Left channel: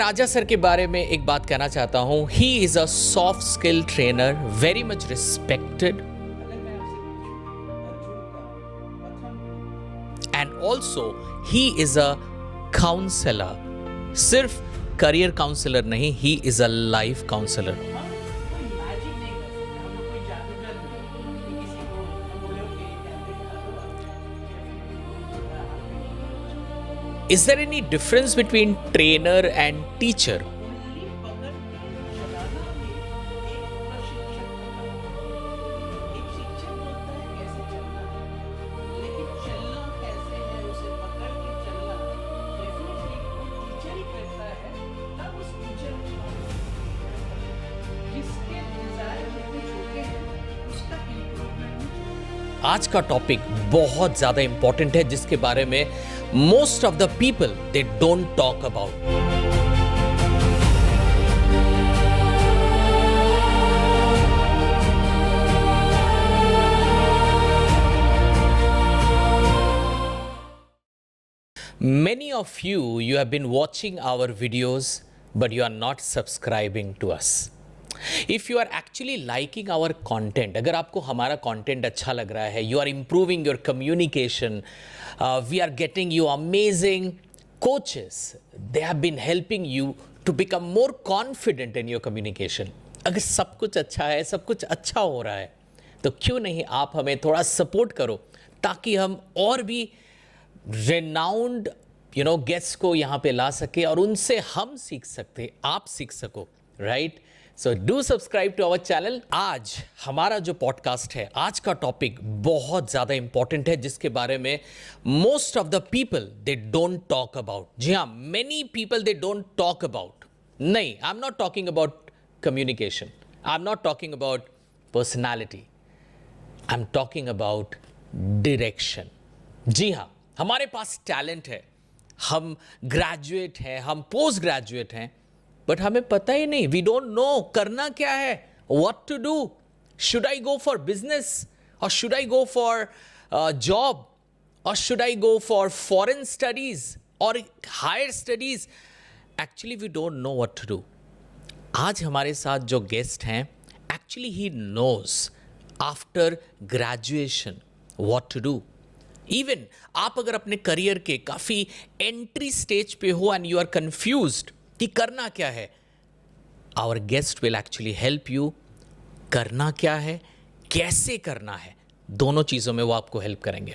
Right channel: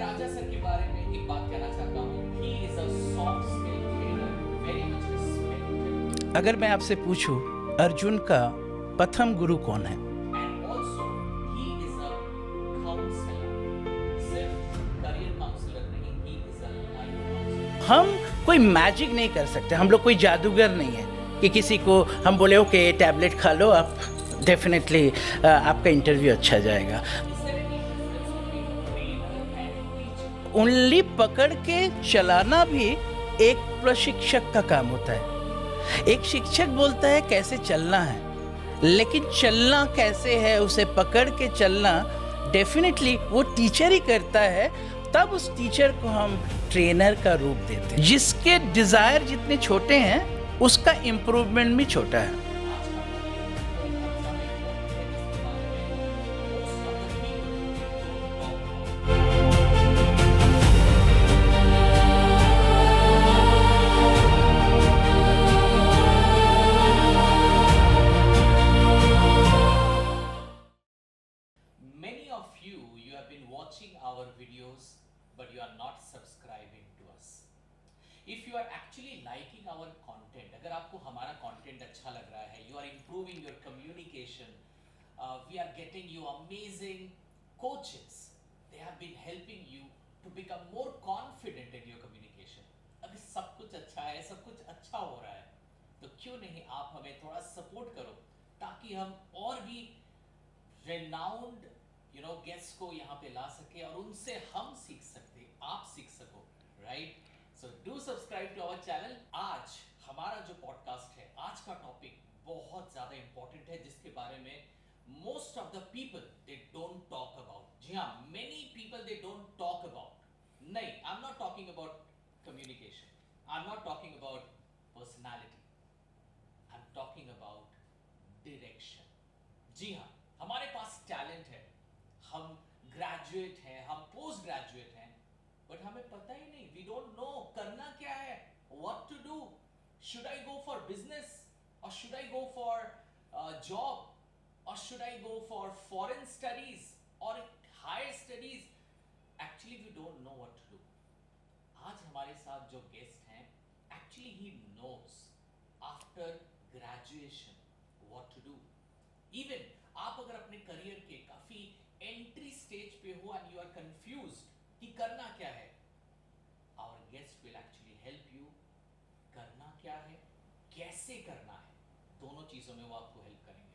राजा sir के बारे में एक बात कहना चाहता हूँ. ही is a soft skill trainer, very much respected. अगर मैं आपसे पूछूं अर्जुन का प्रथम गुरु कौन है? And also he is a counsellor. सिर्फ करियर काउंसलर नहीं, he is a life counsellor. हम कोई मैजिक नहीं कर सकते, हम लोग कोई जादूगर नहीं है कि किसी को हम बोले ओके टैबलेट खा लो, आप डेफिनेटली आपका इंटरव्यू अच्छा जाएगा. Is there any difference between trainer and teacher? उंगली पकड़ के चलाना भी एक प्रशिक्षक का काम होता है. एक शिक्षक बोलता है कैसे चलना है, लेकिन चलना कैसे है, उसे पकड़ के चलना डेफिनेटली वो टीचर ही करता है. तब उस टीचर को हम ट्रेनर का रूप देते हैं. जिसके डिजायर जितने छोटे हैं उसका इम्प्रूवमेंट भी छोटा है. आज का टॉपिक बहुत ज्यादा इंपॉर्टेंट है, जिसके बारे में most of the people they don't talk about. Many of you have been watching our videos, but you are not subscribing to us. If you are actually liking our content, अगर आपको हमारा content अच्छा लग रहा है, you are improving your communication, we are getting you amazing coaches. They have been helping you to become more confident in your communication. अगर सब कुछ अच्छा है, सब कुछ अच्छा हो रहा है, तो क्यों नहीं आप हमें थोड़ा सपोर्ट करो, ताकि हम और भी रेनाउंड गेस्ट को यहाँ पे ला सके और उनसे हम सीख सकते, आप सीख सको, right? So do subscribe to our channel. आज हमारा जो पॉडकास्ट है, आज का टॉपिक बहुत ज़्यादा इंपॉर्टेंट है, जिसके बारे में most of the people they don't talk about. जी हाँ, many people they don't talk about. नहीं, I am not talking about communication, I am not talking about personality, I am talking about direction. जी हाँ, हमारे पास talent है, हम graduate हैं, हम पोस्ट ग्रेजुएट हैं, बट हमें पता ही नहीं, वी डोंट नो करना क्या है, what to do. Should I go for business, और should I go for job, और should I go for foreign studies और higher studies? Actually we don't know what to do. आज हमारे साथ जो गेस्ट हैं, actually he knows after graduation what to do. Even आप अगर अपने करियर के काफ़ी एंट्री स्टेज पे हो एंड यू आर कंफ्यूज्ड कि करना क्या है, our guest will actually help you. करना क्या है, कैसे करना है, दोनों चीज़ों में वो आपको हेल्प करेंगे.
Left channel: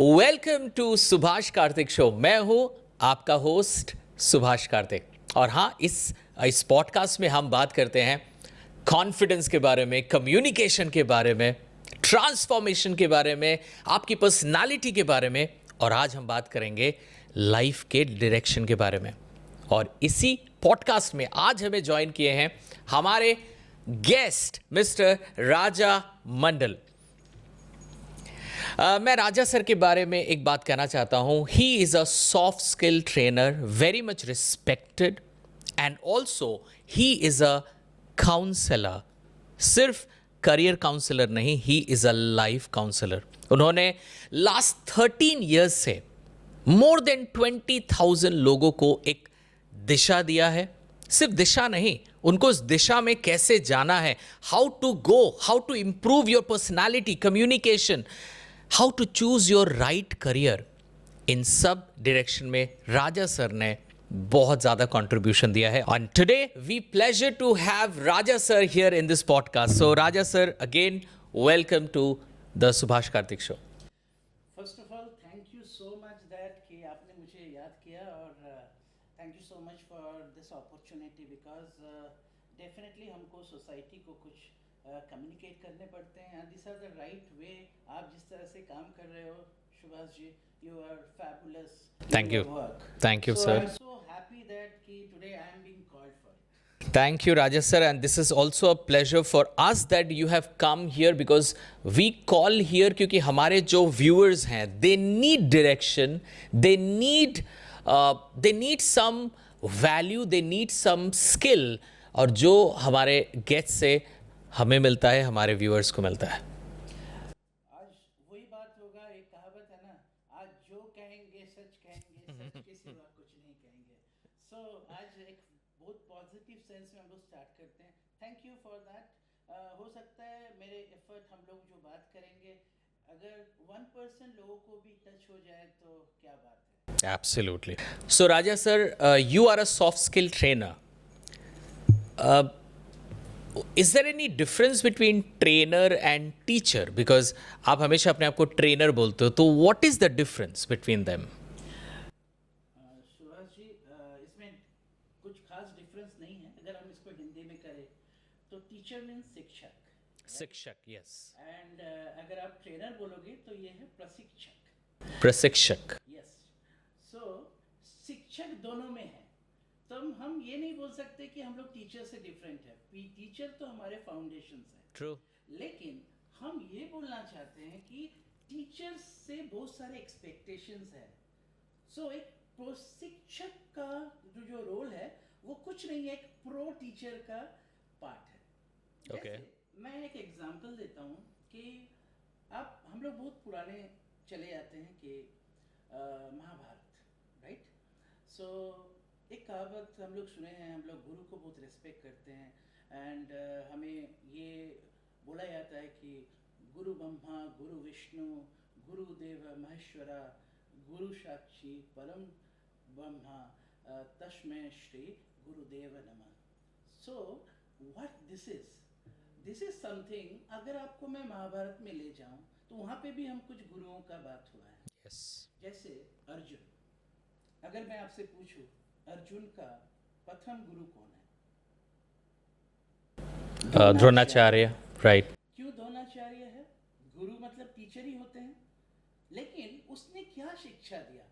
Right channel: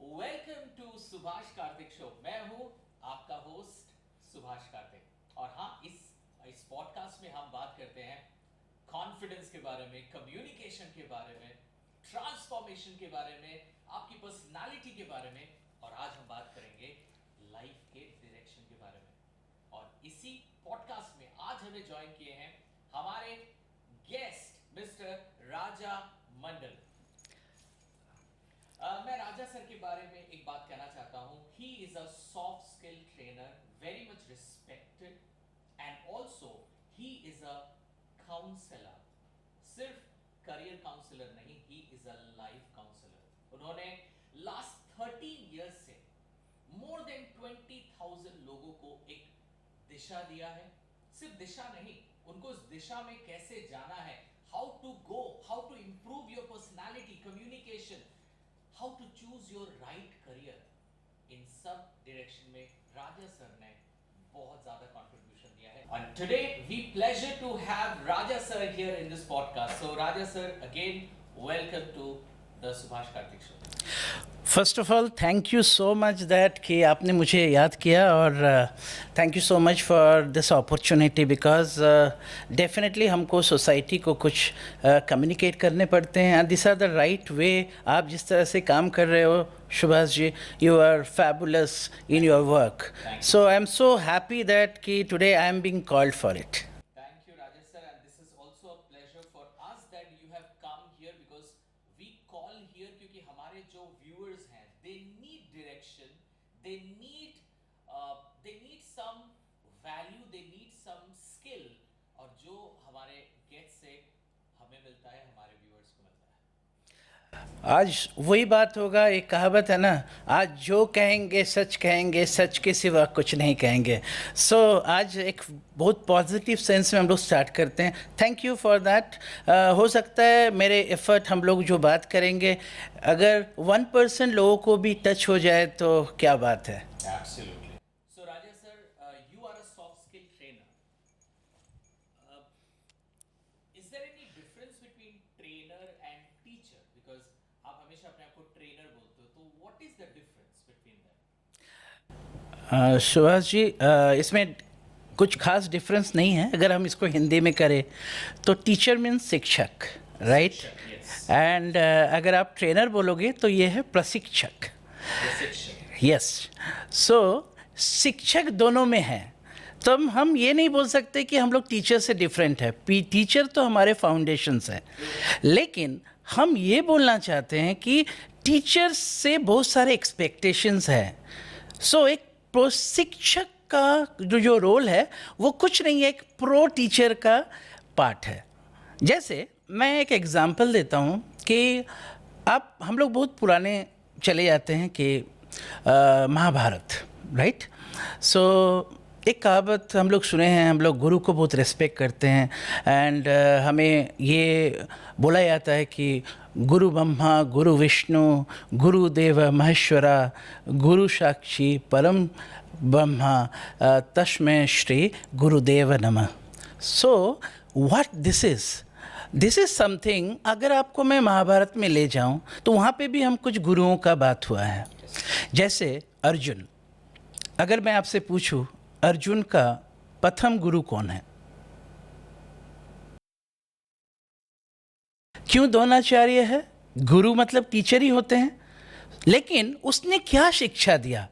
Welcome to Subhash Kartik show. मैं हूँ आपका होस्ट सुभाष कार्तिक, और हाँ, इस पॉडकास्ट में हम बात करते हैं कॉन्फिडेंस के बारे में, कम्युनिकेशन के बारे में, ट्रांसफॉर्मेशन के बारे में, आपकी पर्सनालिटी के बारे में, और आज हम बात करेंगे लाइफ के डायरेक्शन के बारे में. और इसी पॉडकास्ट में आज हमें ज्वाइन किए हैं हमारे गेस्ट मिस्टर राजा मंडल. मैं राजा सर के बारे में एक बात कहना चाहता हूँ. He is a soft skill trainer, very much respected, and also he is a counsellor. सिर्फ करियर काउंसलर नहीं, he is a life counsellor. उन्होंने लास्ट 13 ईयर्स से मोर देन 20,000 लोगों को एक दिशा दिया है. सिर्फ दिशा नहीं, उनको उस दिशा में कैसे जाना है, how to go, how to improve your personality, communication, how to choose your right career, इन सब डायरेक्शन में राजा सर ने बहुत ज्यादा कंट्रीब्यूशन दिया है. And today we pleasure to have Raja sir here in this podcast. So Raja sir, again welcome to the Subhash Kartik show. First of all thank you so much that कि आपने मुझे याद किया, और thank you so much for this opportunity, because definitely हमको society को कुछ communicate करने पड़ते हैं, and this are the right way. आप जिस तरह से काम कर रहे हो Subhash ji, you are fabulous in your work. Thank you, so sir. I am so happy that कि today I am being called for it. Thank you, Raja sir, and this is also a pleasure for us that you have come here, because we call here क्योंकि हमारे जो viewers हैं, they need direction, they need some value, they need some skill, और जो हमारे guest से हमें मिलता है, हमारे viewers को मिलता है. आज वही बात होगा, एक कहावत है ना, आज जो कहेंगे सच के सिवा कुछ नहीं कहेंगे। सो आज एक बहुत पॉजिटिव सेंस में हम लोग स्टार्ट करते हैं। Thank you for that. हो सकता है मेरे एफर्ट, हम लोग जो बात करेंगे, अगर 1% लोगों को भी टच हो जाए तो क्या बात है। Absolutely. So, Raja sir, you are a soft skill trainer. Is there any difference between trainer and teacher? Because आप हमेशा अपने आप को ट्रेनर बोलते हो, तो what is the difference between them? Subhash ji, इसमें कुछ खास डिफरेंस नहीं है। अगर हम इसको हिंदी में करें तो टीचर मीन्स शिक्षक, राइट? एंड अगर आप ट्रेनर बोलोगे तो ये है प्रशिक्षक। प्रशिक्षक। यस। सो शिक्षक दोनों में है, तो हम ये नहीं बोल सकते कि हम लोग टीचर से डिफरेंट है। टीचर तो हमारे फाउंडेशंस हैं, लेकिन हम ये बोलना चाहते हैं कि टीचर से बहुत सारे एक्सपेक्टेशंस हैं। सो एक प्रशिक्षक का जो रोल है वो कुछ नहीं है, एक प्रो टीचर का पार्ट है। जैसे मैं एक एग्जांपल देता हूँ कि हम लोग बहुत पुराने चले जाते हैं कि महाभारत, राइट? सो एक कहावत हम लोग सुने हैं, हम लोग गुरु को बहुत रिस्पेक्ट करते हैं, एंड हमें ये बोला जाता है कि गुरु ब्रह्मा गुरु विष्णु गुरुदेव महेश्वरा गुरु साक्षी परम ब्रह्मा तस्मै श्री गुरुदेव नमः। So what this is something, अगर आपको मैं महाभारत में ले जाऊं तो वहाँ पे भी हम कुछ गुरुओं का बात हुआ है। जैसे अर्जुन, अगर मैं आपसे पूछूं अर्जुन का प्रथम गुरु कौन है? द्रोणाचार्य, राइट? क्यों द्रोणाचार्य है? गुरु मतलब टीचर ही होते हैं, लेकिन उसने क्या शिक्षा दिया?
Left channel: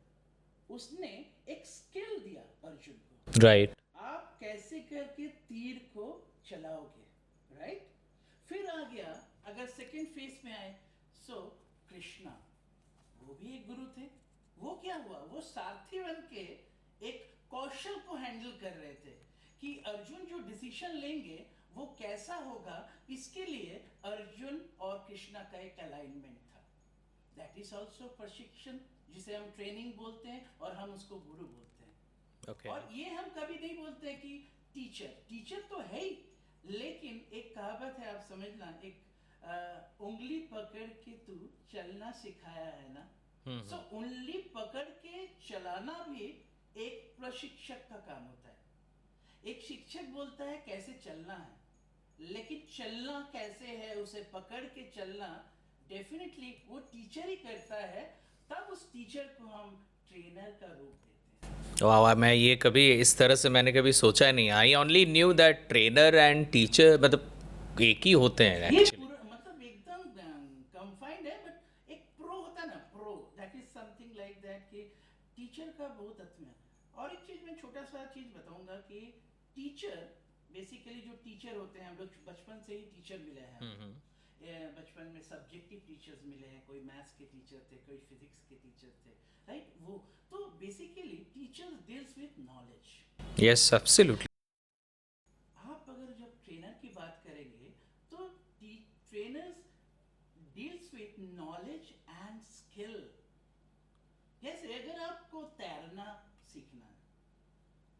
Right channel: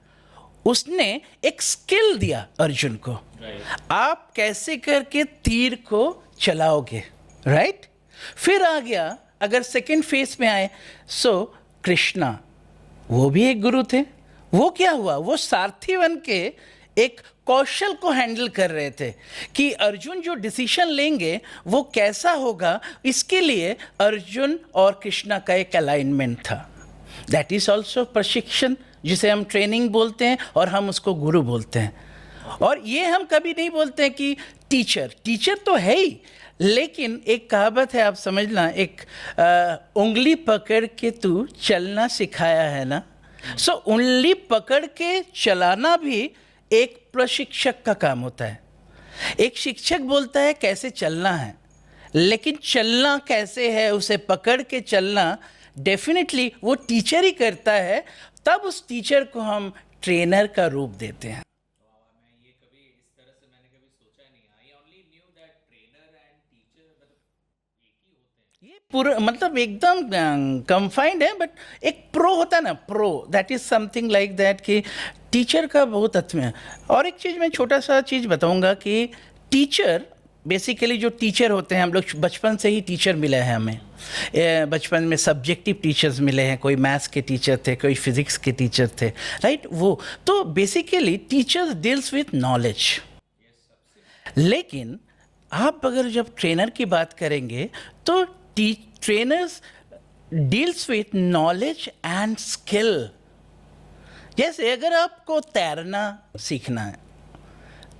उसने एक स्किल दिया अर्जुन को, राइट? आप कैसे करके तीर को चलाओगे, राइट? फिर आ गया, अगर सेकंड फेज में आए, सो कृष्णा, वो भी एक गुरु थे। वो क्या हुआ? वो सारथी बन के एक कौशल को हैंडल कर रहे थे कि अर्जुन जो डिसीजन लेंगे वो कैसा होगा, इसके लिए अर्जुन और कृष्णा का एक अलाइनमेंट था। दैट इज ऑल्सो प्रशिक्षण, जिसे हम ट्रेनिंग बोलते हैं और हम उसको गुरु बोलते हैं। और ये हम कभी नहीं बोलते हैं कि टीचर तो है ही, लेकिन एक कहावत है, आप समझना, एक उंगली पकड़ के तू चलना सिखाया है ना। सो उंगली पकड़ के चलाना भी एक प्रशिक्षक का काम होता है। एक शिक्षक बोलता है कैसे चलना है, लेकिन चलना कैसे है, उसे पकड़ के चलना डेफिनेटली वो टीचर ही करता है। तब उस टीचर को हम ट्रेनर का रूप देते हैं। वाह, मैं ये कभी इस तरह से मैंने कभी सोचा नहीं। I only knew that trainer and teacher मतलब एक ही होते हैं। ये पूरा मतलब एकदम कंफाइंड है, बट एक प्रो होता है ना, pro, that is something like that कि टीचर का बहुत अर्थ में है। और एक चीज़ मैं छोटा सा चीज़ बताऊंगा कि टीचर बेसिकली जो टीचर होते हैं, हम लोग बचपन से ही टीचर मिले हैं हमें। बचपन में सब्जेक्टिव टीचर्स मिले हैं, कोई मैथ्स के टीचर थे, कोई फिजिक्स के टीचर थे, राइट? वो तो basically teachers deals with knowledge. Yes, absolutely. लेकिन आप अगर जब ट्रेनर की बात करेंगे तो trainers deals with knowledge and skill. जैसे अगर आपको तैरना सीखना है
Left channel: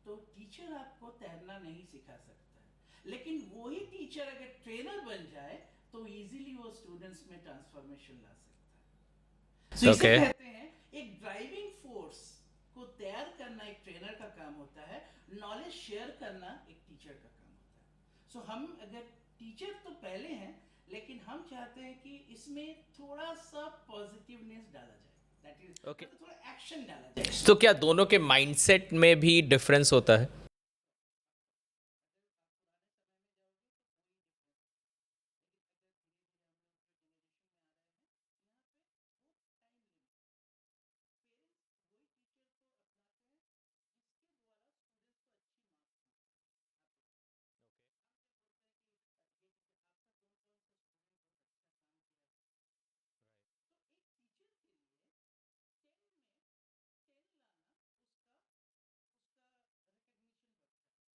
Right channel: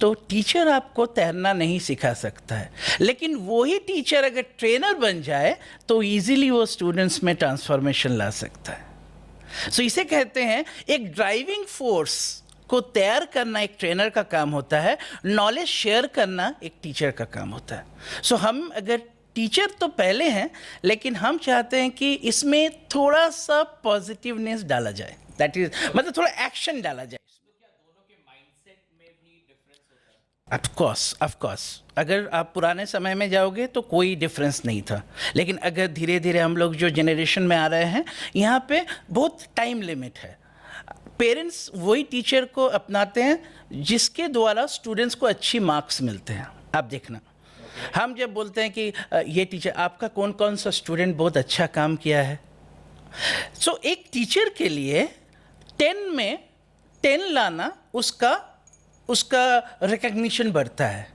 तो टीचर आपको तैरना नहीं सिखा सकता है, लेकिन वही टीचर अगर ट्रेनर बन जाए तो इजीली वो स्टूडेंट्स में ट्रांसफॉर्मेशन ला सकता है। सो इसे कहते हैं, एक ड्राइविंग फोर्स को तैयार करना एक ट्रेनर का काम होता है, नॉलेज शेयर करना एक टीचर का काम होता है। सो हम अगर टीचर तो पहले हैं, लेकिन हम चाहते हैं कि इसमें थोड़ा सा पॉजिटिवनेस डाला जाए, दैट इज मतलब थोड़ा एक्शन डाला जाए। तो क्या दोनों के माइंडसेट में भी डिफरेंस होता है? ऑफ कोर्स अगर आप पुराने समय में जाओगे तो कोई डिफरेंस नहीं था, लेकिन अगर धीरे धीरे हम लोग जो जनरेशन में आ रहे हैं, यहाँ पे बहुत टाइम लिमिट है। पेरेंट्स वही टीचर को अपनाते हैं जिसके द्वारा स्टूडेंट्स को अच्छी मार्क्स मिलते हैं। आप देखना, हम जब बोलते हैं कि ये टीचर, आपका कौन कौन सा स्टूडेंट बहुत अच्छा काम किया है, सो एक टीचर के लिए 10 में 10 लाना उसका रिकग्निशन बढ़ता है।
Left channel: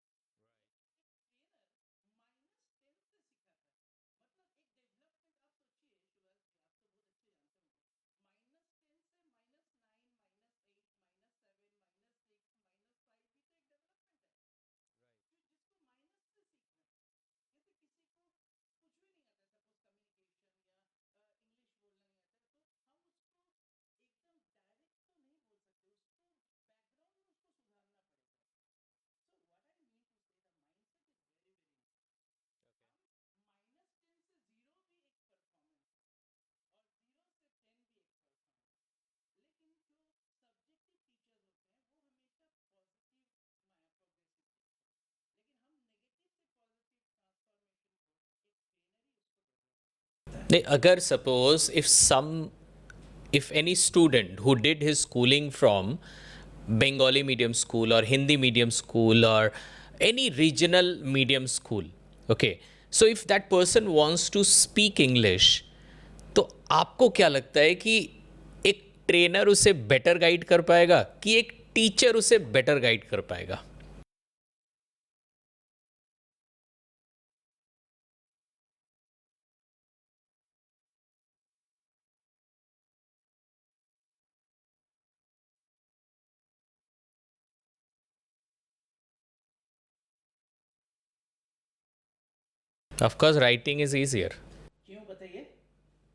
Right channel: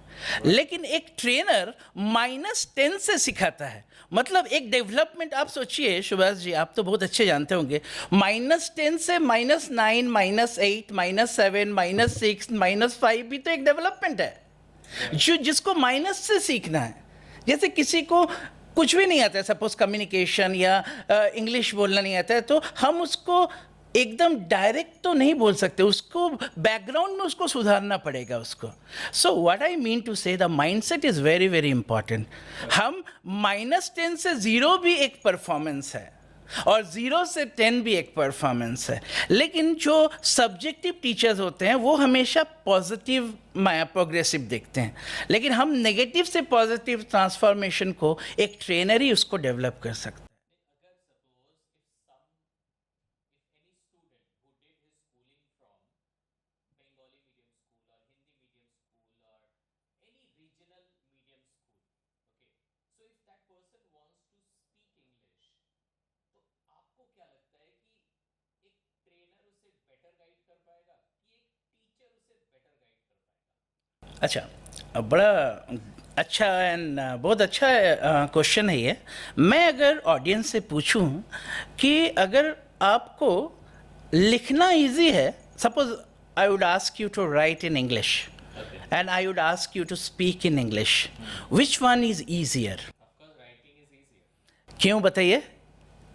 लेकिन एक ट्रेनर -10 से सिखाता है। मतलब एक डेवलपमेंट आप सोचिए सुभाष जी, आप तो बहुत अच्छे जानते होंगे, -10 से -9, -8, -7, -6, -5 भी तो एक डेवलपमेंट है, जो जिसको माइनस से सीखना है। जैसे किसी को कुछ भी नहीं आता है, सपोज कम्युनिकेशन या इंग्लिश बोलना नहीं आता है, तो हम उसको एकदम डायरेक्ट तो नहीं बोल सकते, उसको बैकग्राउंड में उसको सुधारना पड़ेगा उसको। So what I mean to say, the mindset is very very important. हम -10 से 0 भी एक परफॉर्मेंस है और 0 से 10 भी एक परफॉर्मेंस है। लेकिन जो सब्जेक्टिव टीचर्स होते हैं वो हमेशा पॉजिटिव प्रोग्रेसिव देखते हैं, लेकिन हम नेगेटिव से पॉजिटिव ट्रांसफॉर्मेशन को एक ट्रेनर ही उसको डेवलप कर सकता है। नहीं, अगर suppose if any student who did his schooling from Bengali medium school or Hindi medium school or any regional medium school, okay, so if that person wants to speak English, तो आपको क्या लगता है कि एक ट्रेनर उसे better guide कर पाएगा कि एक टीचर उसे बेटर गाइड कर पाएगा? अच्छा, बड़ा अच्छा एंड बहुत अच्छा क्वेश्चन है ये। मैं अगर ऑडियंस से पूछूं कि अगर आपको लिखना इजी है, suppose I would ask you to write in English and I would ask you to speak in English, which one is easier? Of course writing is easier. क्यों बताइए?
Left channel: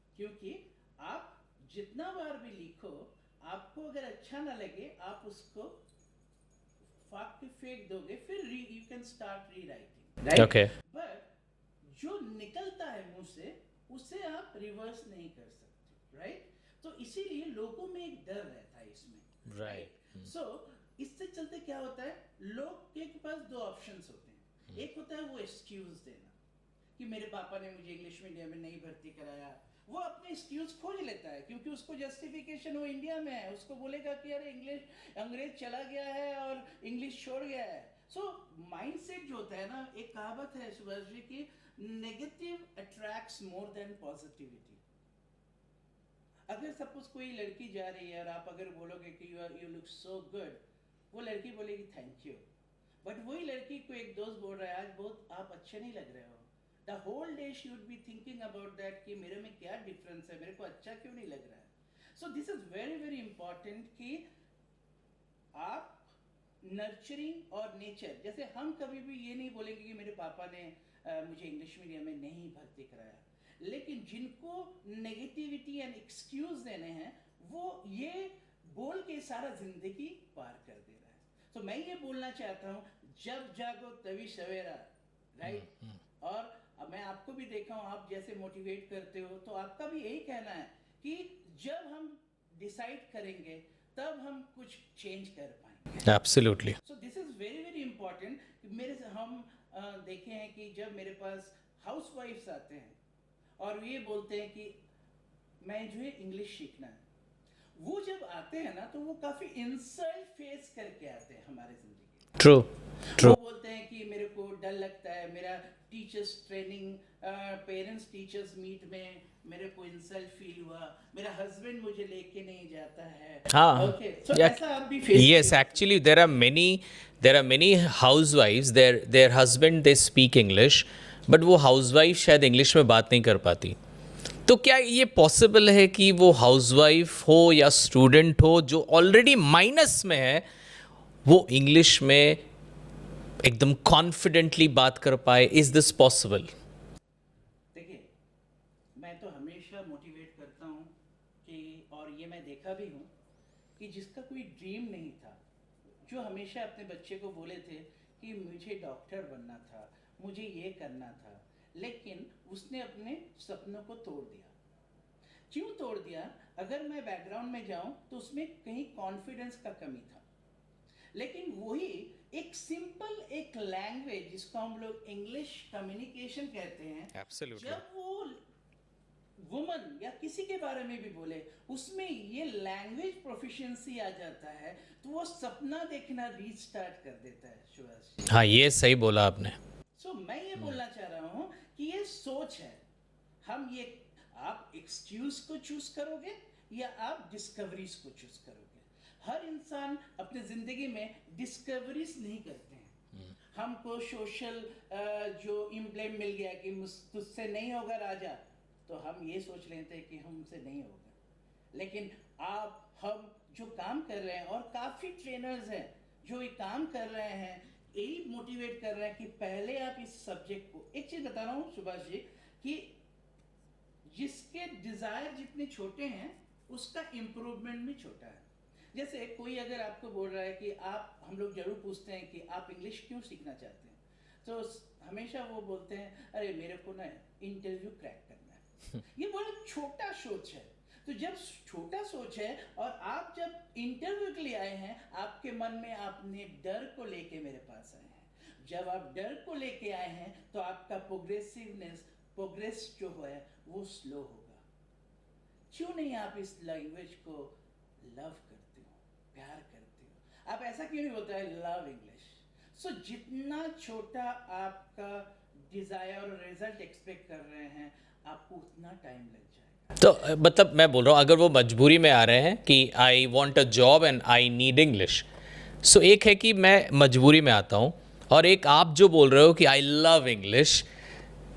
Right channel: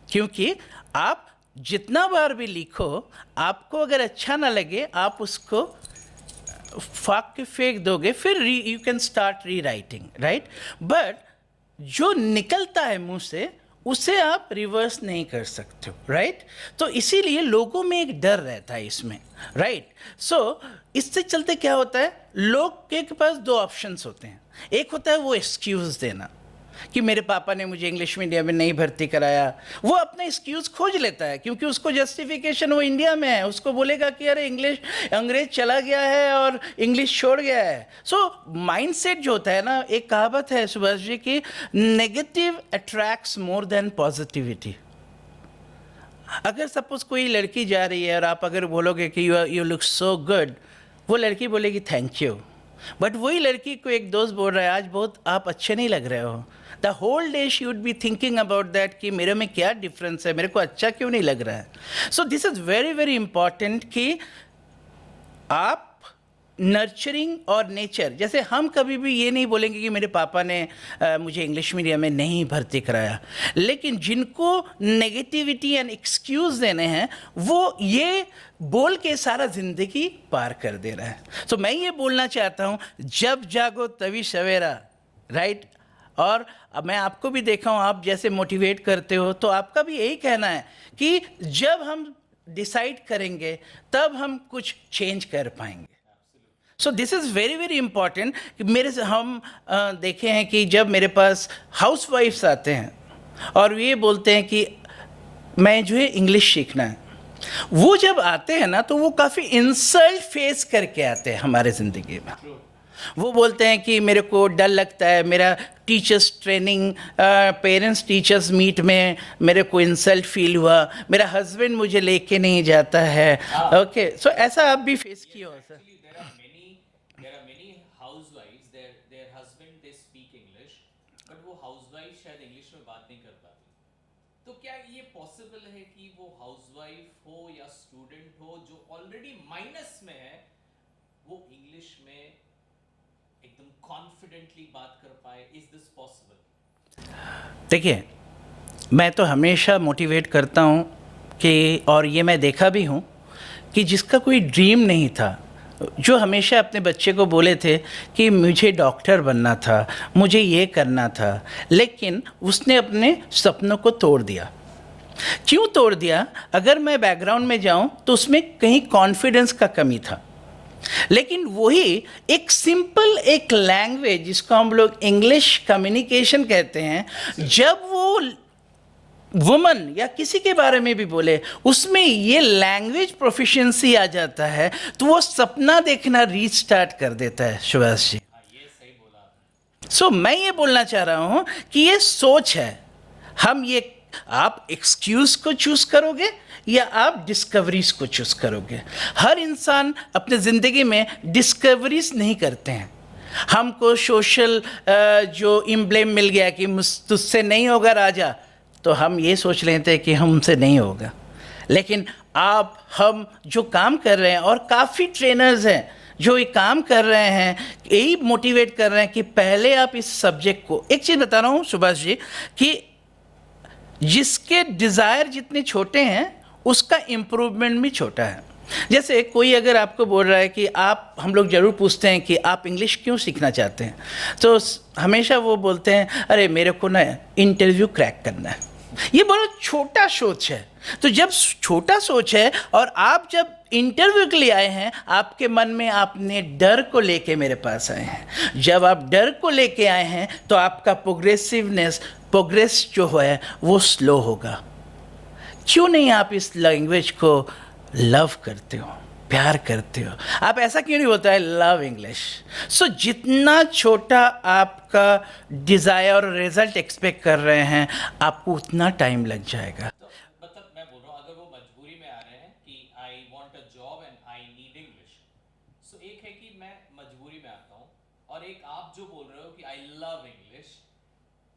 क्योंकि आप जितना बार भी लिखो, आपको अगर अच्छा ना लगे आप उसको फाक के फेंक दोगे, फिर यू कैन स्टार्ट री राइटिंग, राइट? Okay. बट जो निकलता है मुंह से उसे आप रिवर्स नहीं कर सकते हो, राइट? तो इसीलिए लोगों में एक डर रहता है इसमें, राइट? सो इससे चलते क्या होता है, लोग के पास दो ऑप्शंस होते हैं। एक होता है वो एक्सक्यूज़ देना कि मेरे पापा ने मुझे इंग्लिश मीडियम में नहीं भर्ती कराया। वो अपना एक्सक्यूज़ खोज लेता है क्योंकि उसको जस्टिफिकेशन वो इंडिया में है, उसको बोलेगा कि अरे अंग्रेज चला गया है और इंग्लिश छोड़ गया है। सो माइंडसेट जो होता है ना, एक कहावत है सुभाष जी की, negative attracts more than positivity. अगर सपोज कोई लड़की जा रही है और आप अगर बोलोगे कि यू लुक सो गुड, वो लड़की बोलेगी थैंक यू, बट वही लड़की को एक दोस्त बोल रहा है आज बहुत आप अच्छे नहीं लग रहे हो, the whole day she would be thinking about that कि मेरे में क्या डिफरेंस है, मेरे को अच्छा क्यों नहीं लग रहा है। सो this is very very important कि आप नर्चरिंग और नेचर, जैसे हम कभी भी ये नहीं बोलेंगे कि मेरे पापा ने मुझे इंग्लिश मीडियम में नहीं भर्ती कराया, लेकिन जिनको नेगेटिविटी एंड एक्सक्यूज़ देने हैं वो ये बोल के सारा ज़िंदगी पार कर दे रहा है। तो मैं ये बोलना चाहता हूँ, जब जागो तभी सवेरा, राइट? और अब मैं आपको भी देखा हूँ, आप जैसे मोटिवेट करते हो, तो आपका भी यही कहना है कि जब हम डिसाइड करेंगे तब हम कुछ चेंज कर पाएंगे। Absolutely. So this is very very important कि हम देखे हैं कि जब मेरे पास हाउस वाइफ्स आते हैं और ये बोलते हैं कि मैं जो है इंग्लिश सीखना है, वो जब आते हैं ना तो वो काफ़ी इंसल्ट फेस करके आते हैं हमारे ज़िंदगी में। ट्रू। वो बोलते हैं कि मेरे को डर लगता है, मेरा teachers training parents teachers meet में मेरे को इंसल्ट फील हुआ, मेरा हस्बैंड मुझे लेके नहीं जाता है। ओके, सो ऐसा आप भी feel? Yes, actually there are many housewives, their husband they speak English, but वो housewife शायद इंग्लिश में बात नहीं कर पाती। तो क्या ये पॉसिबल है कि वो हाउसवाइफ हो या स्टूडेंट हो जो ऑलरेडी माइनस में है, वो इंग्लिश में एकदम कॉन्फिडेंटली बात कर पाए? Is this possible? देखिए, मैं तो हमेशा मोटिवेट करता हूँ कि, और ये मैं देखा भी हूँ कि जिसका कोई ड्रीम नहीं था, जो हमेशा अपने बच्चे को बोले थे कि मुझे डॉक्टर बनना था, मुझे ये करना था, लेकिन उसने अपने सपनों को तोड़ दिया। क्यों तोड़ दिया? अगर मैं बैकग्राउंड में जाऊं तो उसमें कहीं कॉन्फिडेंस का कमी था, लेकिन वही एक सिंपल एक लैंग्वेज जिसको हम लोग इंग्लिश कम्युनिकेशन कहते हैं, जब वो वुमन या किसी के बारे में भी बोले उसमें ये लैंग्वेज प्रोफिशिएंसी आ जाता है, तो वो सपना देखना रीस्टार्ट कर देता है। सुभाष जी, हाँ, ये सही बोला आपने। सो मैं ये बोलना चाह रहा हूँ कि ये सोच है। हम ये, आप एक्सक्यूज को चूज करोगे या आप डिस्कवरीज को चूज करोगे? हर इंसान अपने ज़िंदगी में डिस्कवरीज नहीं करते हैं, हमको सोशल जो इम्ब्लेम मिल गया कि तुझसे नहीं होगा राजा, तो हम ये सोच लेते हैं कि हमसे नहीं होगा। लेकिन आप हम जो काम कर रहे हैं, और काफ़ी ट्रेनर्स हैं जो ये काम कर रहे हैं, यही मोटिवेट कर रहे हैं कि पहले आप इस सब्जेक्ट को, एक चीज़ बता रहा हूँ सुभाष जी, कि जिसके डिज़ायर जितने छोटे हैं उसका इम्प्रूवमेंट भी छोटा है। जैसे कोई अगर आपको बोल रहा है कि आप, हम लोग ज़रूर पूछते हैं कि आप इंग्लिश क्यों सीखना चाहते हैं, तो हमेशा वो बोलते हैं अरे मेरे को ना इंटरव्यू क्रैक करना है। ये बहुत छोटा सोच है। तो जब छोटा सोच है और आप जब इंटरव्यू के लिए आए हैं, आपके मन में आपने डर को लेके मेरे पास आए हैं। जब आप डर को लेके आए हैं तो आपका प्रोग्रेस जो है वो स्लो होगा। क्यों नहीं आप इस लैंग्वेज को लव करते हो, प्यार करते हो? आप ऐसा क्यों नहीं बोलते हैं लव इंग्लिश? सो जितना छोटा आपका डिज़ायर और रिजल्ट एक्सपेक्ट कर रहे हैं, आपको उतना टाइम लग जाएगा। तो मतलब मैं बोल रहा हूँ, अगर वो मजबूरी में आ रहे हैं कि I want a job and I need English, so एक है कि मैं मजबूरी में आता हूँ, और एक आप जो बोल रहे हो कि आई लव इंग्लिश।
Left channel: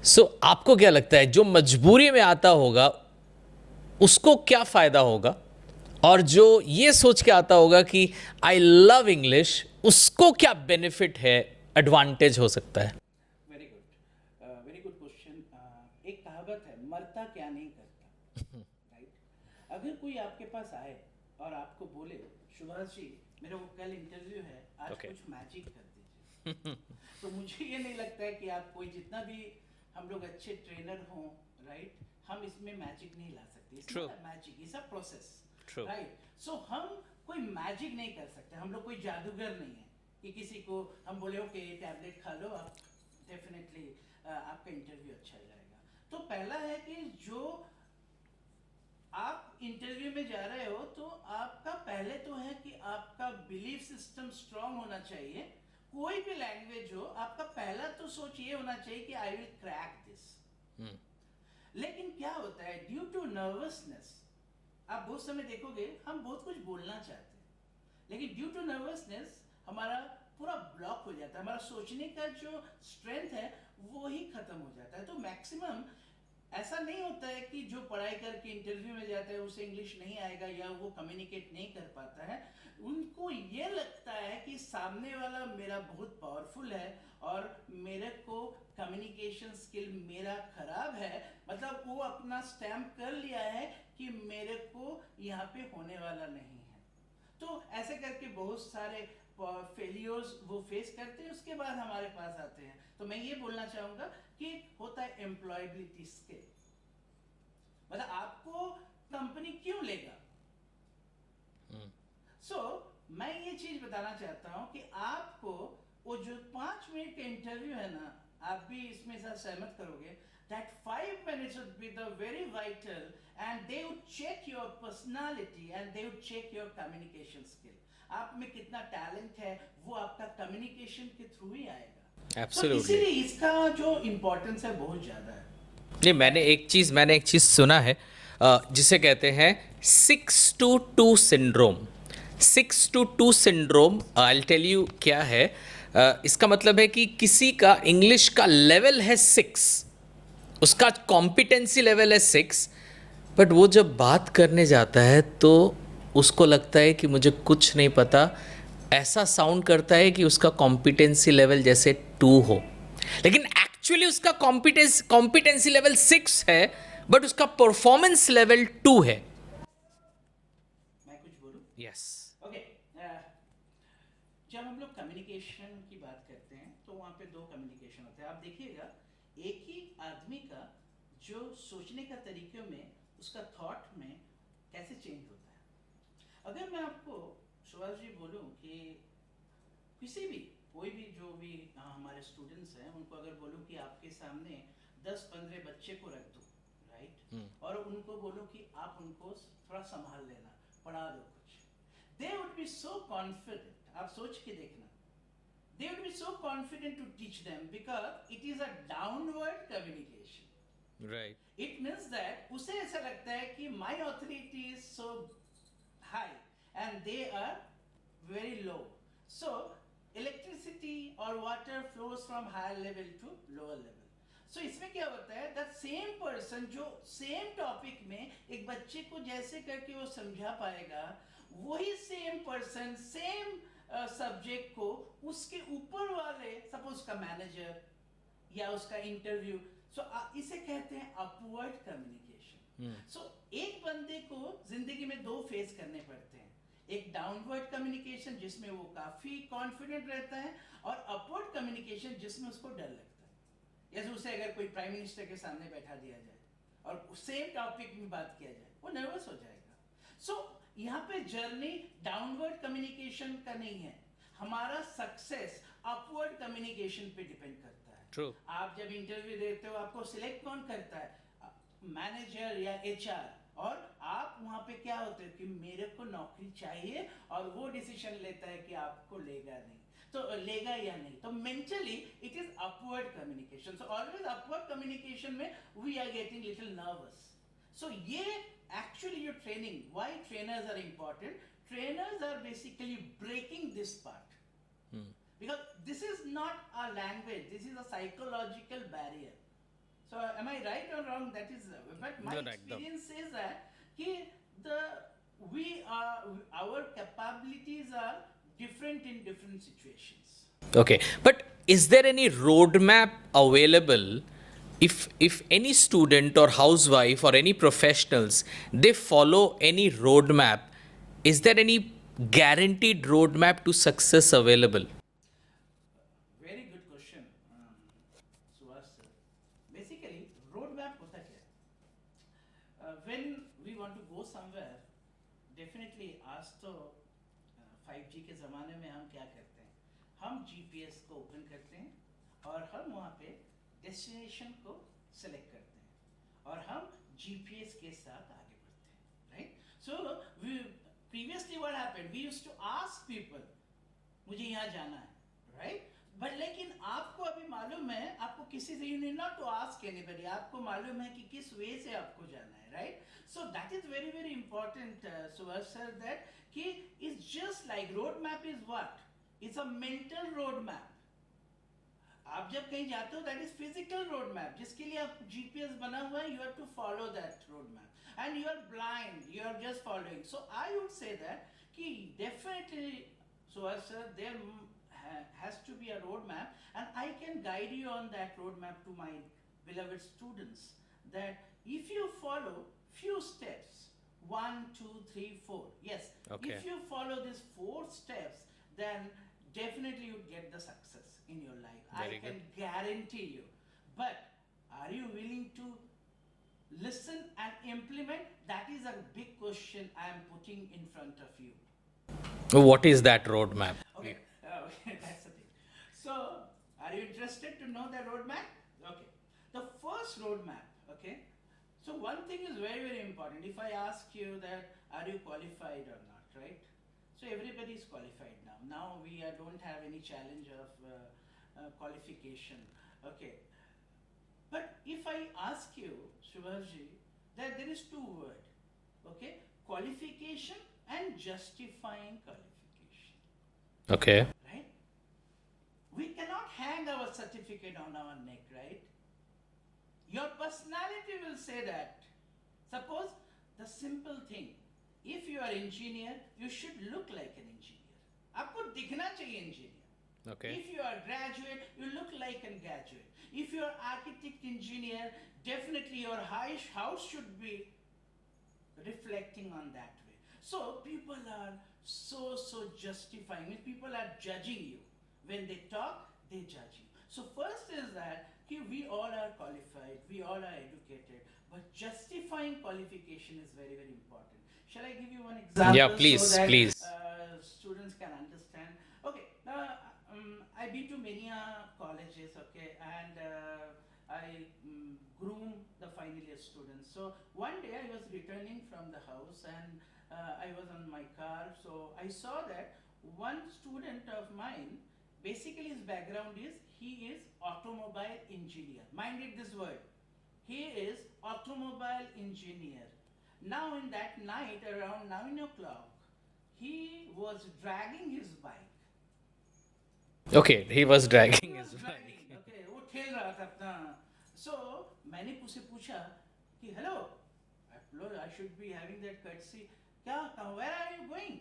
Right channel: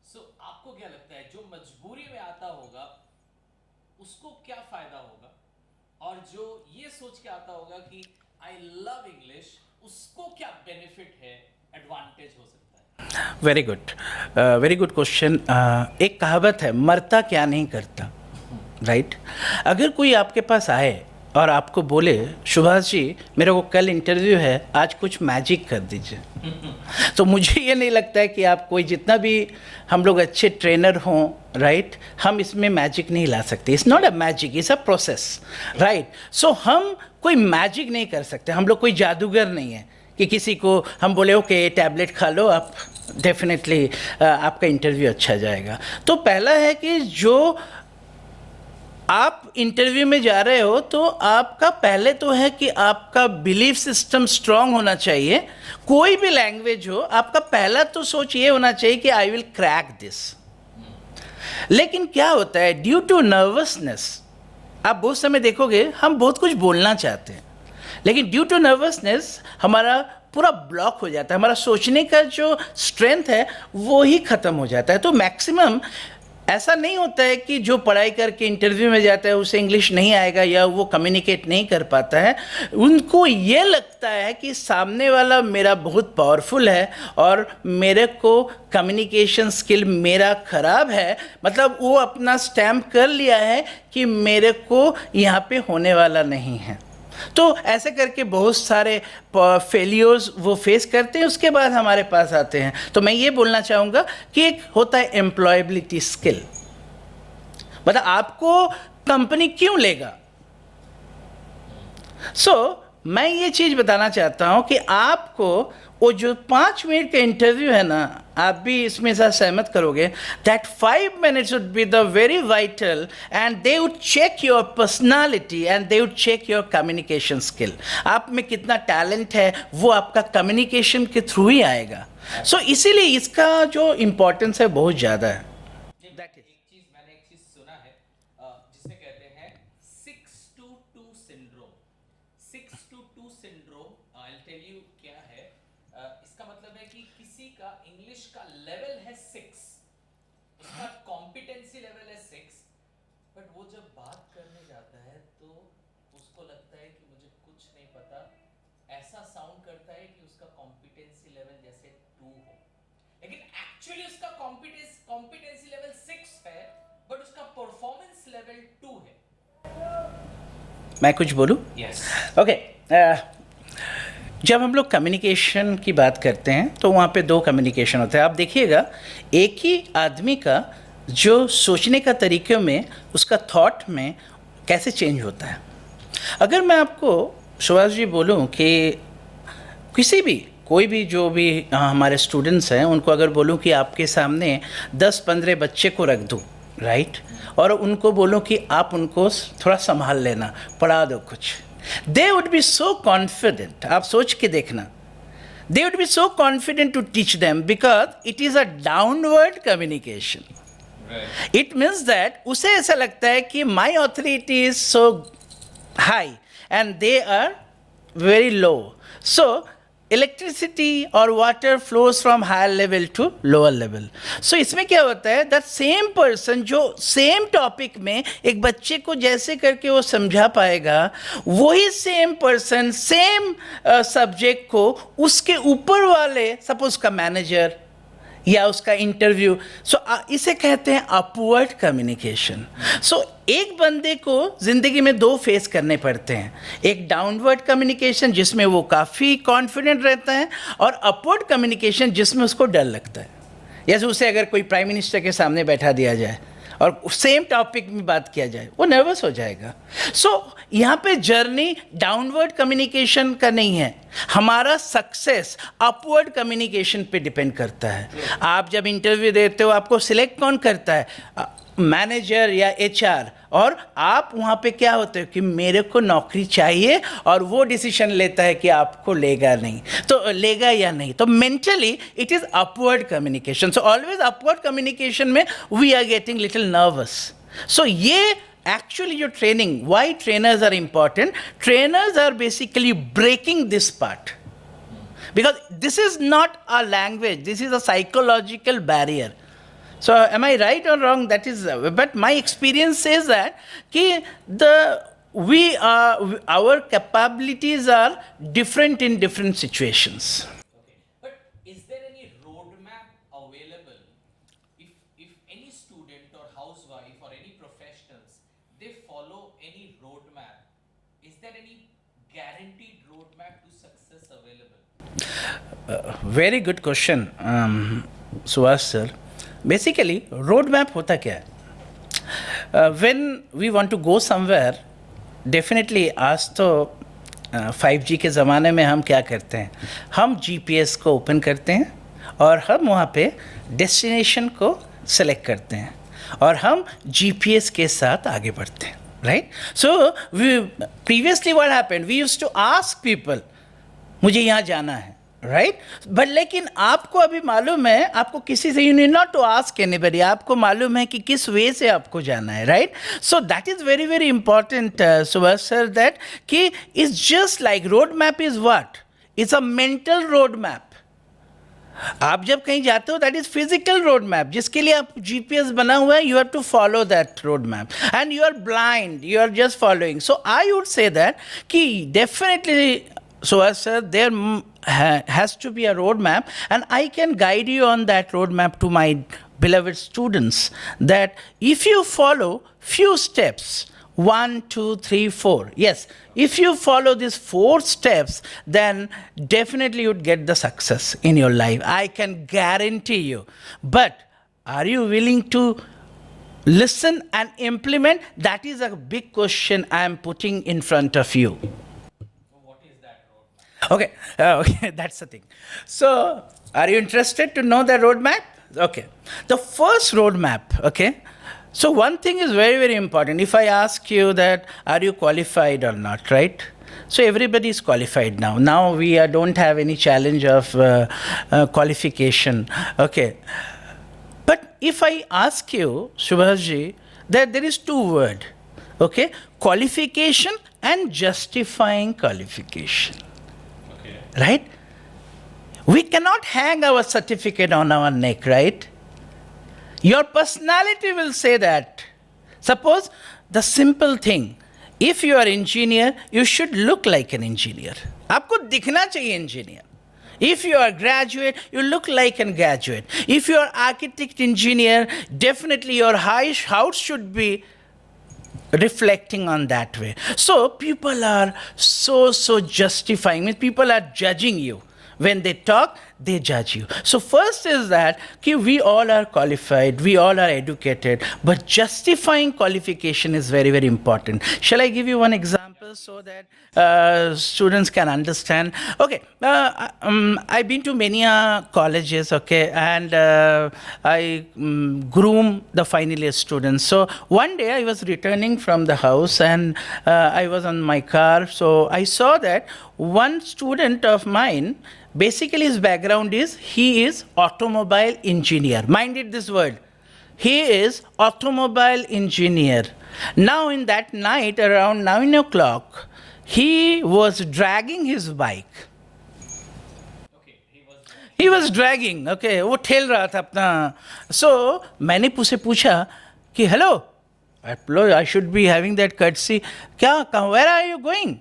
सो आपको क्या लगता है जो मजबूरी में आता होगा उसको क्या फ़ायदा होगा, और जो ये सोच के आता होगा कि आई लव इंग्लिश, उसको क्या बेनिफिट है, एडवांटेज हो सकता है? Very good question. एक कहावत है, मरता क्या नहीं करता, राइट? अगर कोई आपके पास आए और आपको बोले सुभाष जी मेरे को कल इंटरव्यू है, आज कुछ मैजिक कर दीजिए, तो मुझे ये नहीं लगता है कि आप कोई, जितना भी हम लोग अच्छे ट्रेनर हों, राइट, हम इसमें मैजिक नहीं ला सकते। It's not a magic, it's a process, right? So हम कोई मैजिक नहीं कर सकते, हम लोग कोई जादूगर नहीं है कि किसी को हम बोले ओके टैबलेट खा लो, आप डेफिनेटली आपका इंटरव्यू अच्छा जाएगा। तो पहला है कि जो आप इंटरव्यू में जा रहे हो, तो आपका पहले तो है कि आपका बिलीफ सिस्टम स्ट्रांग होना चाहिए। कोई भी लैंग्वेज हो, आपका पहला तो सोच ये होना चाहिए कि आई विल क्रैक दिस। लेकिन क्या होता है, ड्यू टू नर्वसनेस, आप बहुत समय देखोगे हम बहुत कुछ बोलना चाहते हैं, लेकिन ड्यू टू नर्वसनेस हमारा पूरा ब्लॉक हो जाता है, हमारा सोचने का जो स्ट्रेंथ है वो ही ख़त्म हो जाता है। तो मैक्सिमम ऐसा नहीं होता है कि जो पढ़ाई करके इंटरव्यू में जाता है उसे इंग्लिश नहीं आएगा या वो कम्युनिकेट नहीं कर पाता है। उनको ये लगता है कि सामने वाला मेरा बहुत पावरफुल है और मेरे को कम्युनिकेशन स्किल मेरा ख़राब है, मतलब वो अपना स्टैम्प कर लिया है कि मेरे को यहाँ पे होने वाला नहीं है। तो ऐसे करके बहुत सारे फेलियर्स वो फेस करते हैं, उसके बाद हमारे पास आते हैं। तो मैं ये बोलना चाहूँगा कि एक होता है एम्प्लॉयबिलिटी स्किल, मतलब आपको कंपनी क्यों लेगा। मैं ये चीज़ बताना चाहता हूँ कि आपको वो जो 5 मिनट का इंटरव्यू है ना, आप भी इसमें साथ सहमत करोगे, that 5 minutes would be the very vital, and they would check your personality and they would check your communication skill. आप में कितना टैलेंट है वो आपका कम्युनिकेशन के थ्रू ही आएगा। सो इसीलिए इसका जो इम्पोर्टेंस है बहुत ज़्यादा है। नहीं, मैंने एक चीज़ सुना है जिसे कहते हैं 6-2 syndrome. 6-2 syndrome, I tell you क्या है। इसका मतलब है कि किसी का इंग्लिश का लेवल है 6, उसका कॉम्पिटेंसी लेवल है 6, बट वो जब बात करने जाता है तो उसको लगता है कि मुझे कुछ नहीं पता, ऐसा साउंड करता है कि उसका कॉम्पिटेंसी लेवल जैसे 2 हो, लेकिन एक्चुअली उसका कॉम्पिटेंसी लेवल 6 है, बट उसका परफॉर्मेंस लेवल 2 है। मैं कुछ बोलूं? Yes. ओके। जब हम लोग कम्युनिकेशन की बात करते हैं तो वहाँ पे 2 कम्युनिकेशन होते हैं। आप देखिएगा, एक ही आदमी का जो सोचने का तरीके में, उसका थॉट में कैसे चेंज होता है। अगर मैं आपको सुभाष जी बोलूं कि किसी भी, कोई भी जो भी हमारे स्टूडेंट्स हैं, उनको अगर बोलूं कि आपके सामने 10-15 बच्चे को रख दूं, राइट, और उनको बोलूं कि आप उनको थोड़ा संभाल लेना, पढ़ा दो कुछ, they would be so confident. आप सोच के देखना, they would be so confident to teach them because it is a downward communication. Right. It means that उसे ऐसा लगता है कि my authority is so high and they are very low. So electricity और water flows from higher level to lower level. So इसमें क्या होता है, दैट सेम पर्सन जो सेम टॉपिक में एक बच्चे को जैसे करके वो समझा पाएगा, वही सेम पर्सन सेम सब्जेक्ट को उसके ऊपर वाले, सपोज का मैनेजर या उसका इंटरव्यू, सो इसे कहते हैं अपवर्ड कम्युनिकेशन. सो एक बंदे को जिंदगी में दो फेस करने पड़ते हैं, एक डाउनवर्ड कम्युनिकेशन जिसमें वो काफ़ी कॉन्फिडेंट रहता है, और अपवर्ड कम्युनिकेशन जिसमें उसको डर लगता है. जैसे उसे अगर कोई प्राइम मिनिस्टर के सामने बैठा दिया जाए और सेम टॉपिक में बात किया जाए, वो नर्वस हो जाएगा. सो यहाँ पे जर्नी डाउनवर्ड कम्युनिकेशन का नहीं है, हमारा सक्सेस अपवर्ड कम्युनिकेशन पे डिपेंड करता है. आप जब इंटरव्यू देते हो, आपको सिलेक्ट कौन करता है, मैनेजर या एचआर, और आप वहाँ पे क्या होते हो कि मेरे को नौकरी चाहिए, और वो डिसीजन लेता है कि आपको लेगा नहीं, तो लेगा या नहीं. तो mentally it is upward communication. So always upward communication में we are getting little nervous. So ये actually your training, why trainers are important, trainers are basically breaking this part, because this is not a language, this is a psychological barrier. So am I right or wrong? That is, but my experience says that ki our capabilities are different in different situations. Okay, but is there any roadmap available? If any student or housewife or any professionals, they follow any roadmap, is there any guaranteed roadmap to success available? Very good question, Suhas sir. Basically, roadmap होता क्या है? When we want to go somewhere, definitely आज तो 5G के ज़माने में हम क्या करते हैं, हम GPS को ओपन करते हैं और हम वहाँ पे डेस्टिनेशन को सेलेक्ट करते हैं और हम GPS के साथ आगे बढ़ते हैं, right. So previously what happened, we used to ask people मुझे यहाँ जाना है, राइट. बट लेकिन आपको अभी मालूम है, आपको किसी से, you need not to ask anybody, आपको मालूम है कि किस वे से आपको जाना है, right. So that is very very important Subhash sir, that कि it's just like road map is what, it's a mental road map. आप जब कहीं जाते हो, that is physical road map, जिसके लिए आप GPS बना हुआ है, you have to follow that road map, and you are blind, you are just following. So I would say that कि definitely Suhas sir, there has to be a roadmap, and I can guide you on that roadmap to my beloved students, that if you follow few steps, 1, 2, 3, 4, yes, if you follow these 4 steps, then definitely you'd get the success in your life. I can guarantee you. But are you willing to listen and implement? That is a big question I am putting in front of you. What is that roadmap? Okay, okay, that's the thing. So, are you interested to know the roadmap? Okay, the first roadmap, okay. So, one thing is very, very important. If I ask you that, are you qualified or not, right? So, everybody is qualified now. Now, we don't have any challenge of qualification, okay. But if I ask you, Subhashji, that there is 2 words, okay, qualification and justifying qualification. Okay. Right? We cannot hang our certificate on our neck, right? Your personality will say that. Suppose the simple thing, if you are engineer, you should look like an engineer. आपको दिखना चाहिए engineer. If you are graduate, you look like a graduate. If you are architect engineer, definitely your house should be reflecting on that way. So people are so justifying, means people are judging you. When they talk, they judge you. So first is that we all are qualified, we all are educated, but justifying qualification is very, very important. Shall I give you one example? Yeah, please, so that, please. Students can understand. Okay, I've been to many colleges, okay, and I groom the final year students. So one day I was returning from the house, and I was on my car, so I saw that one student of mine, basically his background is, he is automobile engineer. Mind it, this word. He is automobile engineer. Now in that night around 9 o'clock, he was dragging his bike. Okay, he was dragging. He was dragging, okay, वो ठेल रहा था अपना. So मैंने उसे पूछा कि hello, I should be having that courtesy. Where are you going?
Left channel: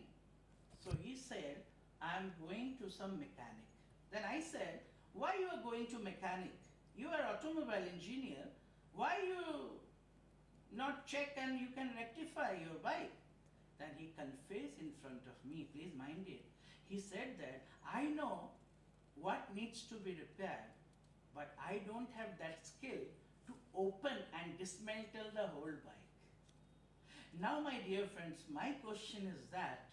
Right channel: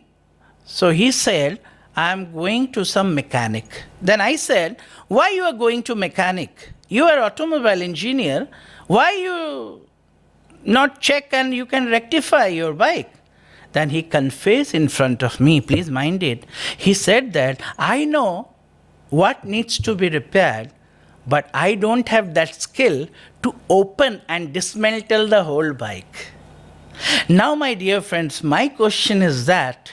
So he said, I am going to some mechanic. Then I said, why you are going to mechanic? You are automobile engineer. Why you not check and you can rectify your bike? Then he confessed in front of me, please mind it. He said that I know what needs to be repaired, but I don't have that skill to open and dismantle the whole bike. Now, my dear friends, my question is that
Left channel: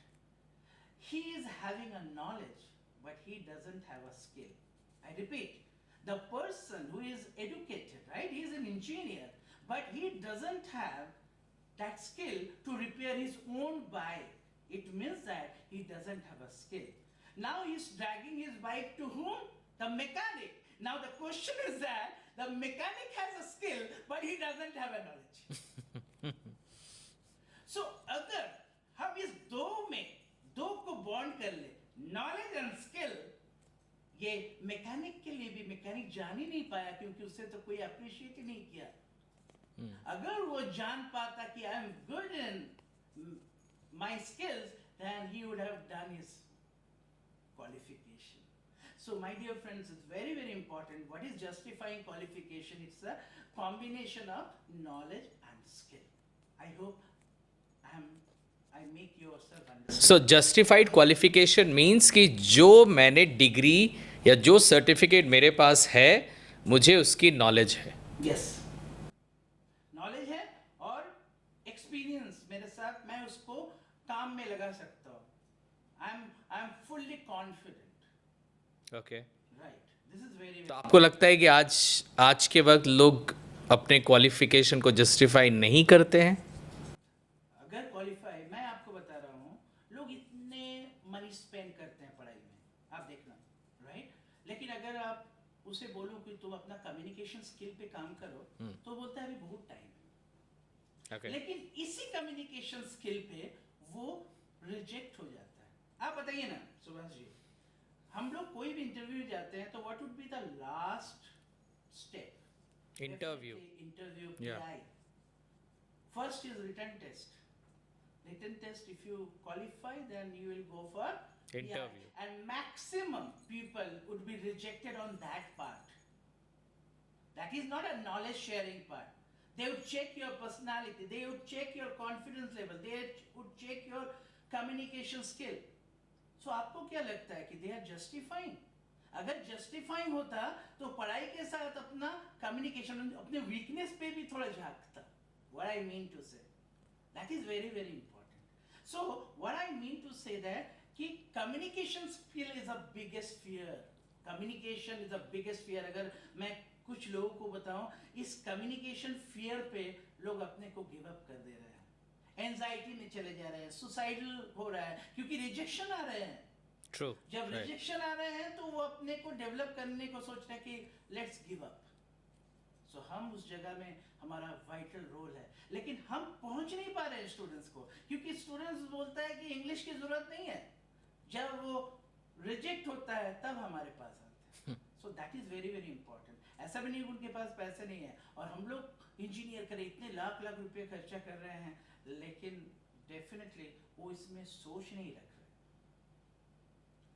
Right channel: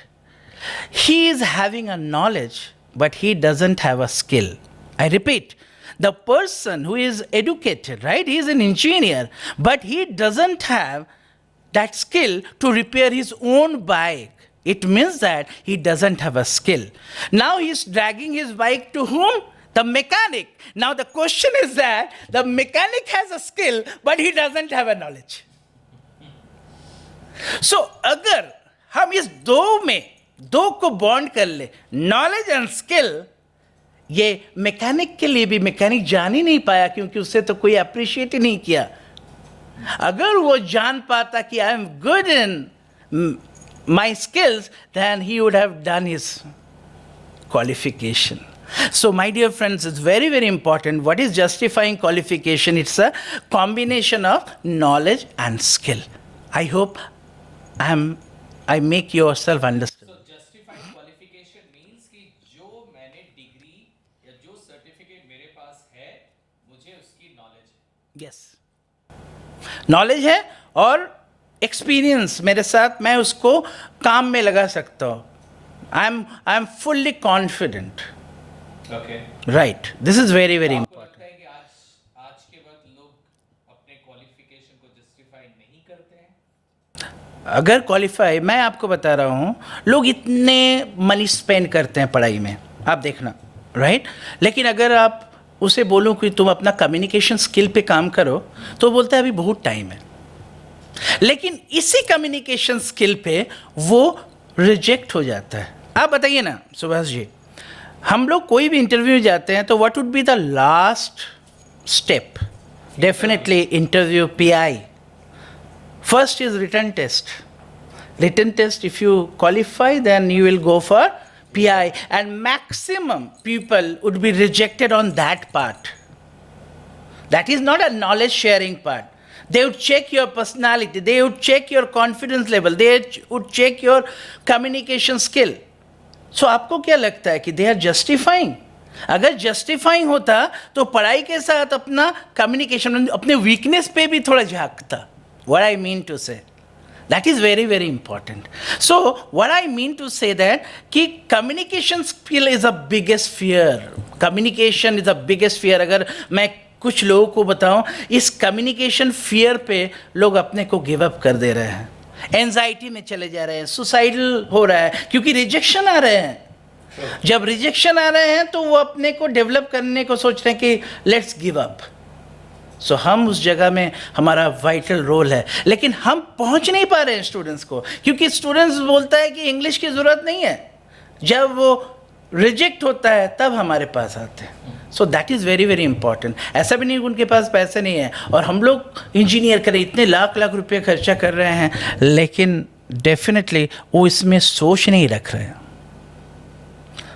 he is having a knowledge, but he doesn't have a skill. I repeat, the person who is educated, right? He is an engineer, but he doesn't have that skill to repair his own bike. It means that he doesn't have a skill. Now he's dragging his bike to whom? The mechanic. Now the question is that the mechanic has a skill, but he doesn't have a knowledge. So अगर हम इस दो को bond कर ले, knowledge and skill, ये mechanic के लिए भी मैकेनिक जान ही नहीं पाया क्योंकि उससे तो कोई अप्रिशिएट ही नहीं किया. अगर वो जान पाता कि I am good in my skills, then he would have done his qualification. So, my dear friends, it's very, very important. What is justifying qualification? It's a combination of knowledge and skill. I hope I make yourself understand. So justified qualification means कि जो मैंने degree या जो certificate मेरे पास है, मुझे उसकी knowledge है. Yes. नॉलेज है और एक्सपीरियंस मेरे साथ, मैं उसको काम में लगा सकता हूँ. I am fully confident. Right, this is very very. आपको लगता है कि आज के वक्त लोग अपने क्वालिफिकेशन को जस्टिफाई नहीं करते हैं? अगर क्वालिफाई, मैं आपको बता रहा हूँ, लोग इतने मनी स्पेंड करते हैं पढ़ाई में, आप देखना, राइट? लेकिन अगर आप उसे बोलो कि तुम अपना कम्युनिकेशन स्किल पे काम करो, तो बोलता है अभी बहुत टाइम है. लेकिन इसी कम्युनिकेशन स्किल पे वो रिजेक्ट हो जाता है. आप बताइए ना सुभाष जी, हम लोग कोई भी इंटरव्यू जाते हैं तो what would be the last step? Definitely interview, PI. First is written test. Written test, if you qualify then you will go for PI, and maximum people would be rejected on that part. That is not a knowledge sharing part. They would check your personality, they would check your confidence level, they would check your communication skill. So आपको क्या लगता है कि they are justifying? अगर justifying होता तो पढ़ाई के साथ अपना communication, अपने weakness पे भी थोड़ा झांकता. What I mean to say, that is very, very important. So what I mean to say that कि communication skill is the biggest fear. Communication is the biggest fear. अगर मैं कुछ लोगों को बताऊं, इस communication fear पे लोग अपने को give up कर दे रहे हैं, एंजाइटी में चले जा रहे हैं, सुसाइडल हो रहा है क्योंकि रिजेक्शन आ रहे हैं. जब रिजेक्शन आ रहे हैं तो वो अपने को डेवलप करने को सोच रहे हैं कि लेट्स गिव अप. सो हम उस जगह में हमारा वाइटल रोल है, लेकिन हम पहुंच नहीं पा रहे हैं स्टूडेंट्स को, क्योंकि स्टूडेंट्स बोलता है कि इंग्लिश की ज़रूरत नहीं है. जब वो रिजेक्ट होता है तब हमारे पास आते हैं. सो that is very very important. ऐसा भी नहीं कि उनके पास पैसे नहीं है और हम लोग इंजीनियर करें, इतने लाख लाख रुपये खर्चा कर रहे हैं, लेकिन डेफिनेटली वो इसमें सोच नहीं रख रहे हैं.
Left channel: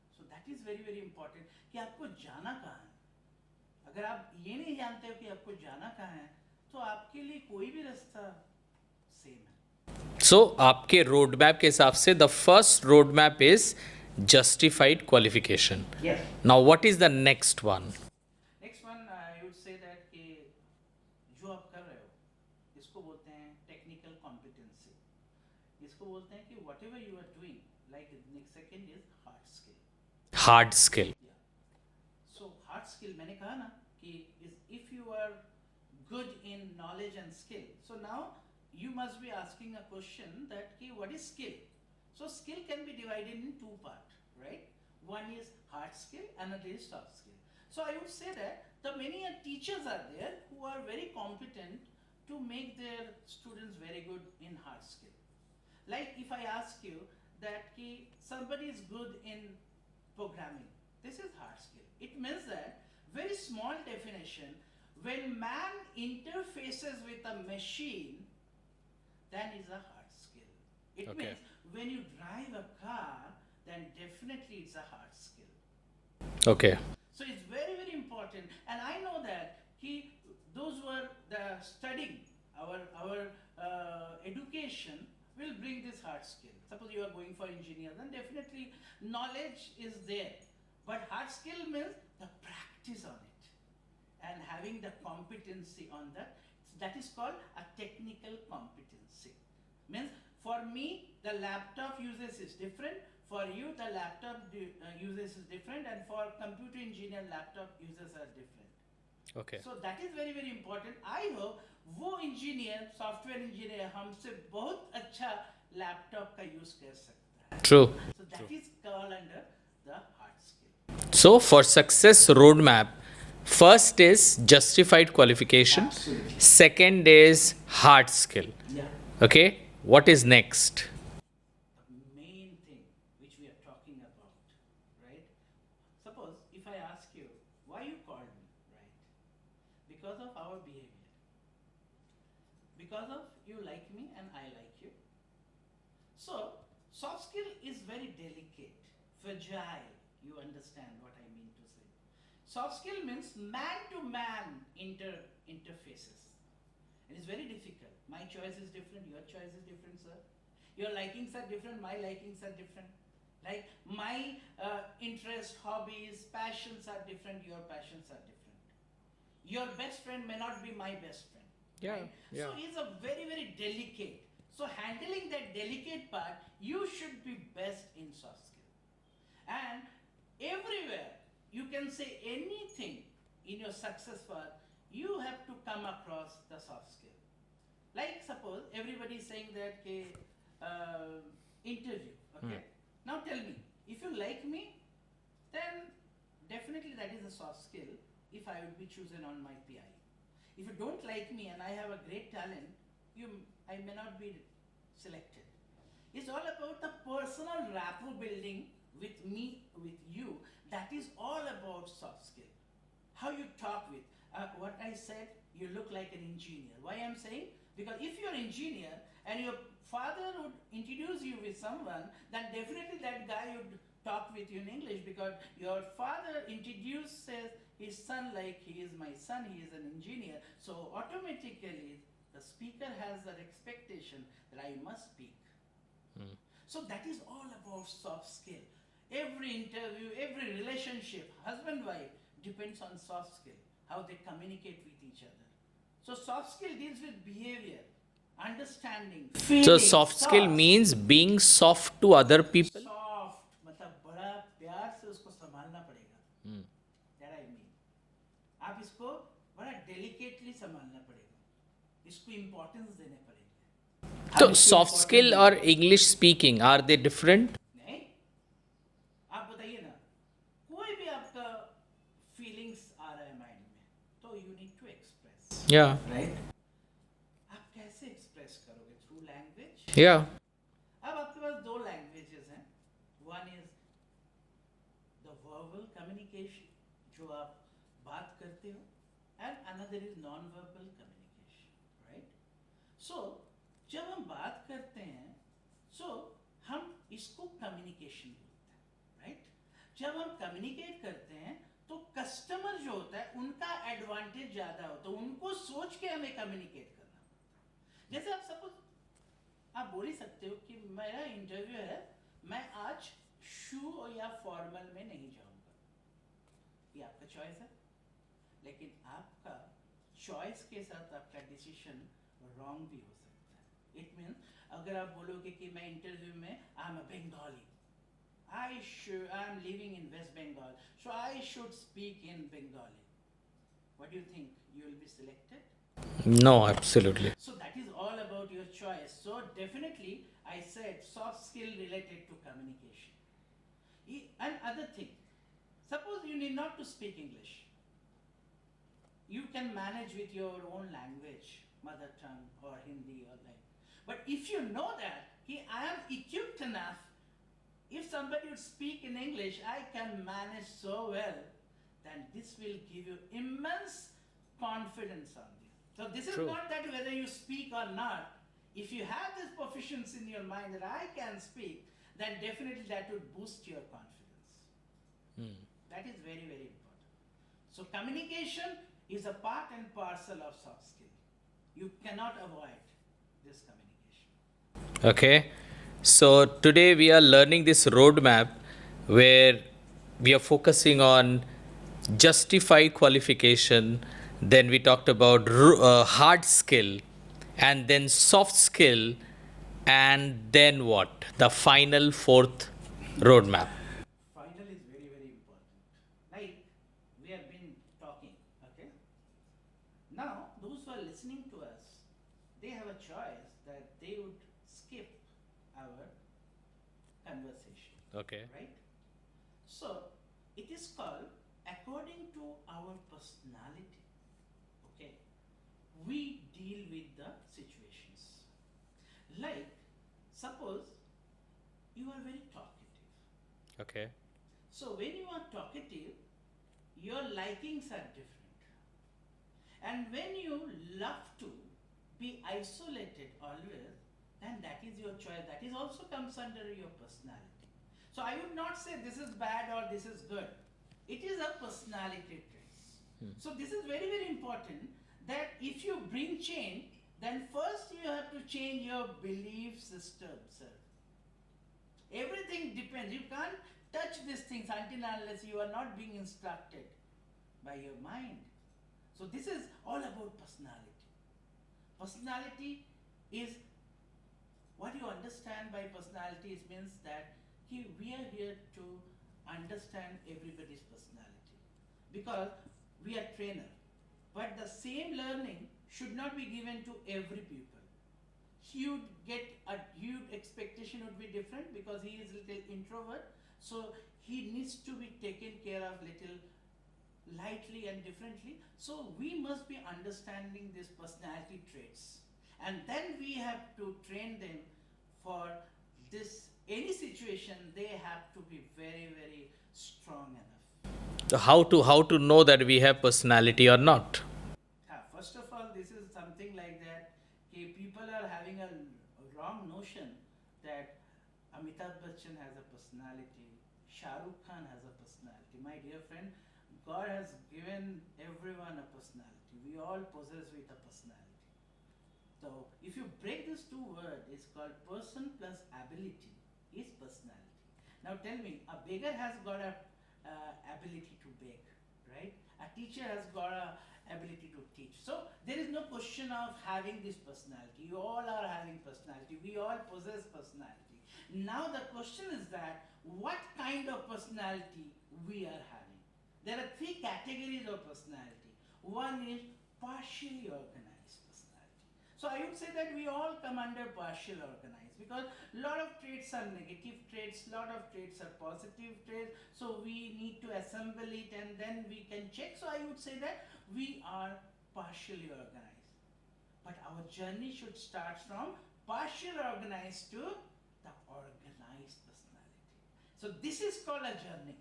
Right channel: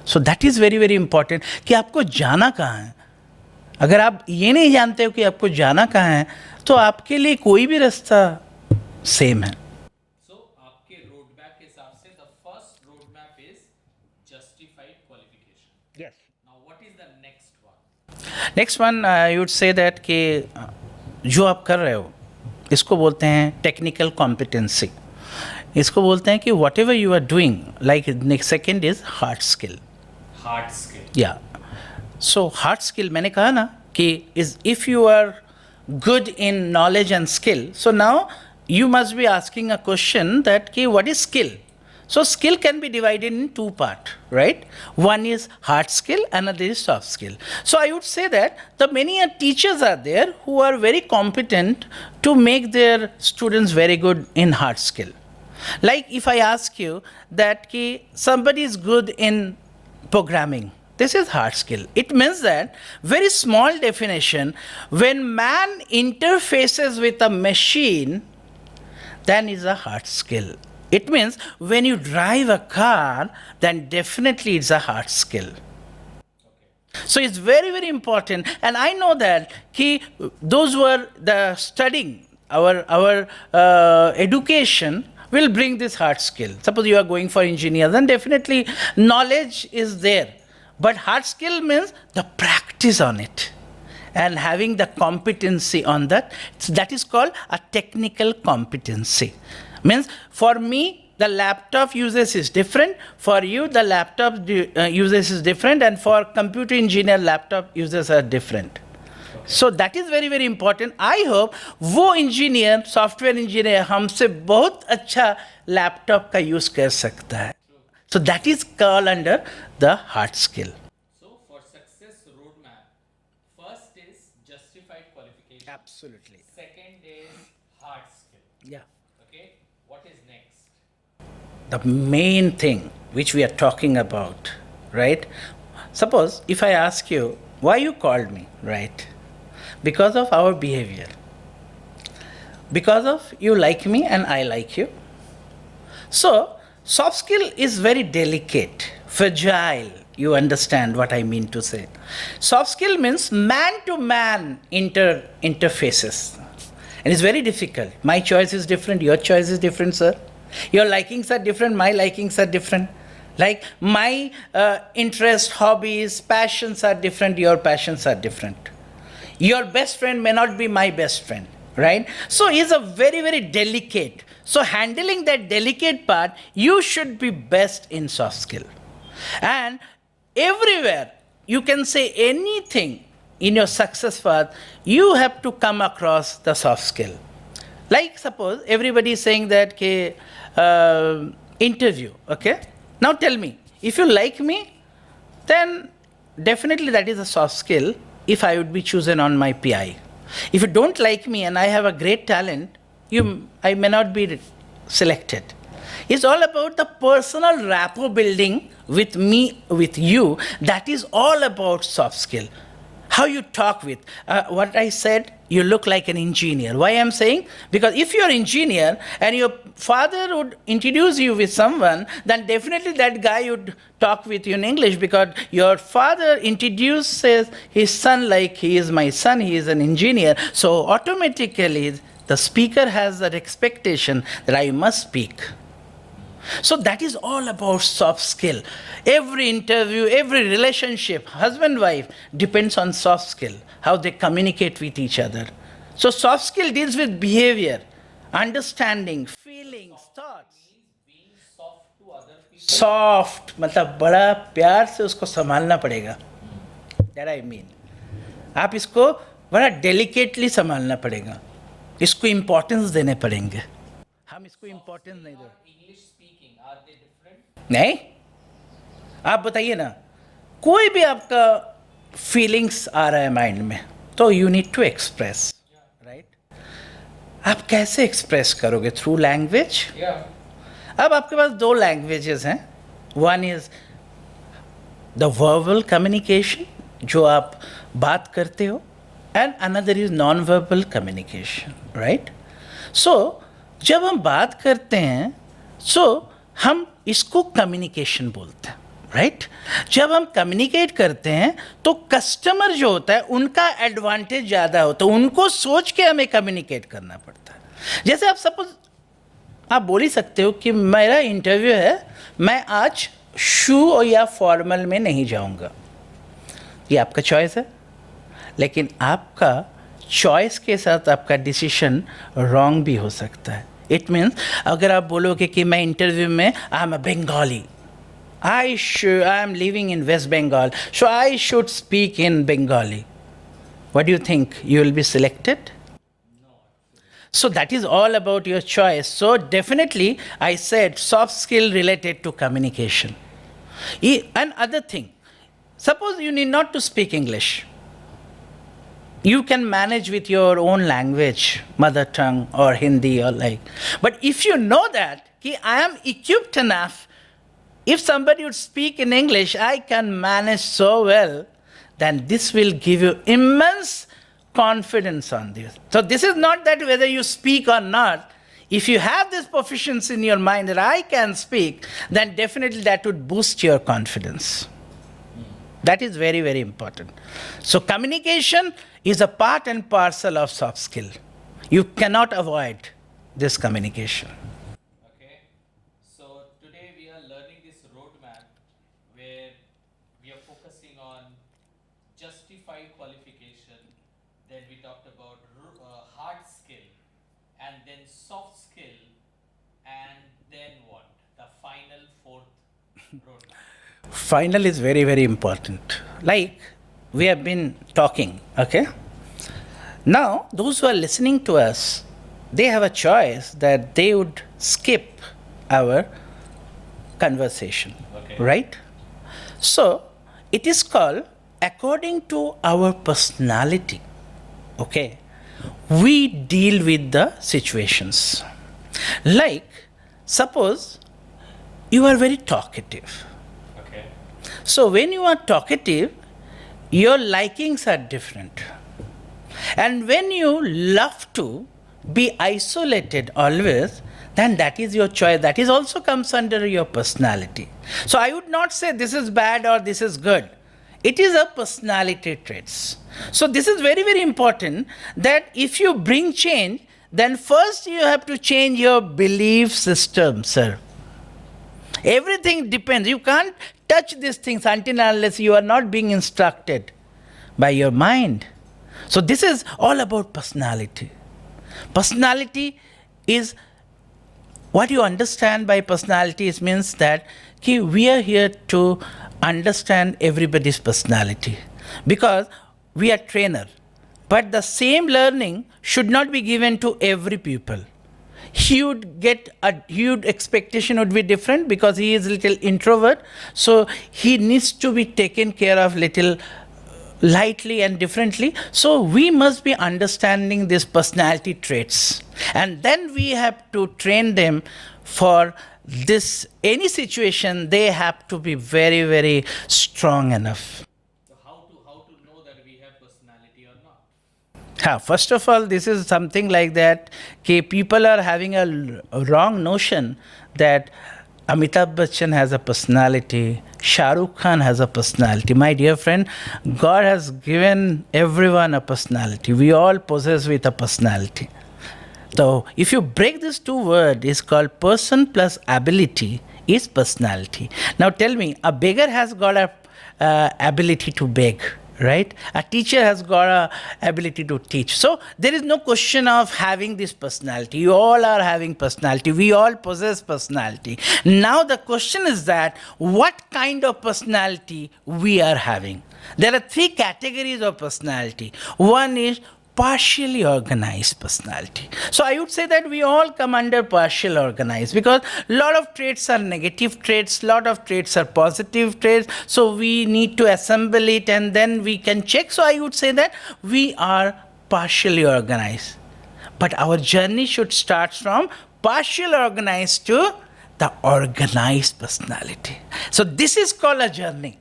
सो that is very very important कि आपको जाना कहाँ है. अगर आप ये नहीं जानते हो कि आपको जाना कहाँ है, तो आपके लिए कोई भी रास्ता सेम है. सो आपके रोड मैप के हिसाब से the first road map is justified qualification. Now what is the next one? Next one you would say that कि जो आप कर रहे हो इसको बोलते हैं टेक्निकल कॉम्पिटेंसी. इसको बोलते हैं कि whatever you are doing, like next second is hard skill. Hard skill, yeah. So hard skill, मैंने कहा ना कि is if you are good in knowledge and skill, so now you must be asking a question that कि what is skill? So skill can be divided in two parts, right? One is hard skill, another is soft skill. So I would say that the many teachers are there who are very competent to make their students very good in hard skill. Like if I ask you that कि somebody is good in programming, This is hard skill. It means that, very small definition, when man interfaces with a machine, then is a hard skill. It means when you drive a car, then definitely it's a hard skill. Okay. So it's very, very important. And I know that those who are studying our education will bring this hard skill. Suppose you are going for engineer, then definitely knowledge is there. But hard skill means the practice on it and having the competency on that. That is called a technical competency. Means for me, the laptop usage is different. For you, the laptop usage is different. And for computer engineer, laptop uses are different. So that is very, very important. I hope वो engineer, software engineer हमसे बहुत अच्छा laptop का use कर सकता है. True. So that is called under the hard skill. So for success roadmap, first is justified qualification. Second is hard skill. Yeah. Okay. What is next? The main thing which we are talking about, right? Suppose if I ask you, why you called me, right? Because of our behavior. Because of you like me and I like you. So, soft skill is very delicate, fragile. You understand what I mean to say. Soft skill means man-to-man interfaces. And it's very difficult. My choice is different, your choice is different, sir. Your likings are different, my likings are different. Like my interests, hobbies, passions are different, your passions are different. Your best friend may not be my best friend, right? So it's a very, very delicate. So handling that delicate part, you should be best in soft skill. And everywhere, you can say anything in your success path, you have to come across the soft skill. Like suppose everybody is saying that interview, okay? Now tell me, if you like me, then definitely that is a soft skill if I would be chosen on my PI. If you don't like me and I have a great talent, I may not be selected. It's all about the personal rapport building with me, with you. That is all about soft skill. How you talk with. What I said, you look like an engineer. Why I'm saying? Because if you're an engineer and your father would introduce you with someone, then definitely that guy would talk with you in English because your father introduces his son like he is my son, he is an engineer. So automatically the speaker has that expectation that I must speak. So that is all about soft skill. Every interview, every relationship, husband-wife, depends on soft skill, how they communicate with each other. So soft skill deals with behavior, understanding, feeling. So soft skill means being soft to other people. Soft, मतलब बड़ा प्यार से उसको संभालना पड़ेगा. That I mean. आप इसको बड़ा delicately संभालना पड़ेगा. इसको importance देने पड़ेंगे. So soft skill or English speaking, are they different? नहीं, आप बताइए ना, कोई भी आपका फीलिंग्स आ रहा है माइंड में, तो you need to express. Yeah. आप कैसे एक्सप्रेस करोगे? Through language. Yeah. अब आपके पास दो लैंग्वेजेस हैं. One is the verbal communication, जो आप बात करते हो, and another is non verbal communication, right? So जब हम बात करते हैं, सो हम इसको कम्युनिकेशन बोलते हैं, राइट? जब हम कम्युनिकेट करते हैं तो कस्टमर जो होता है उनका एडवांटेज ज़्यादा होता है, उनको सोच के हमें कम्युनिकेट करना पड़ता है. जैसे आप सपोज आप बोल ही सकते हो कि मेरा इंटरव्यू है, मैं आज शू या फॉर्मल में नहीं जाऊंगा. ये आपका चॉइस है, लेकिन आपका चॉइस के साथ आपका डिसीजन रॉन्ग भी हो सकता है. इट मीन्स अगर आप बोलोगे कि मैं इंटरव्यू में I am a Bengali, I am living in West Bengal, so I should speak in Bengali. What do you think? You will be selected? No, absolutely. So that is all about your choice. So definitely, I said soft skill related to communication. Another thing, suppose you need not to speak English. You can manage with your own language, mother tongue or Hindi or like. But if you know that I am equipped enough if somebody would speak in English, I can manage so well, then this will give you immense confidence on this. So this is not that whether you speak or not. If you have this proficiency in your mind that I can speak, then definitely that would boost your confidence. That is very, very important. So communication is a part and parcel of soft skill. You cannot avoid this communication. Okay. So today we are learning this roadmap where we are focusing on justified qualification. Then we talked about hard skill, and then soft skill, and then what? The final fourth roadmap. Final is very, very important. Like we have been talking, okay? Now, those who are listening to us, they have a choice that they would skip our conversation, right? So, it is called according to our personality, okay? We deal with the situations. Like, suppose you are very talkative. So when you are talkative, your likings are different. And when you love to be isolated always, then that is your choice. That is also comes under your personality. So I would not say this is bad or this is good. It is a personality traits. So this is very, very important that if you bring change, then first you have to change your belief system, sir. Everything depends. You can't touch these things until and unless you are not being instructed by your mind. So this is all about personality. Personality is what you understand by personality. It means that we are here to understand everybody's personality because we are trainer. But the same learning should not be given to every pupil. He would get a huge expectation would be different because he is a little introvert. So he needs to be taken care of little lightly and differently. So we must be understanding these personality traits. And then we have to train them for this, any situation, they have to be very, very strong enough. So how to know that we have personality or not? First of all, this is something like that. People are having a wrong notion that Amitabh Bachchan has a personality, Shah Rukh Khan has a personality. My dear friend, God has given everyone a personality. We all possess with a personality. So if you break these two words, it's called person plus ability is personality. Now tell me, a beggar has got a ability to beg, right? A teacher has got a ability to teach. So there is no question of having this personality. You all are having personality. We all possess personality. Now the question is that what kind of personality we are having. There are three categories of personality. One is partially organized personality. So I would say that we all come under partial organized because a lot of traits are negative traits, a lot of traits are positive traits. So we need to assemble it and then we can check. So I would say that we are partially organized. But our journey should start from partial organized to the organized personality. So this is called a journey.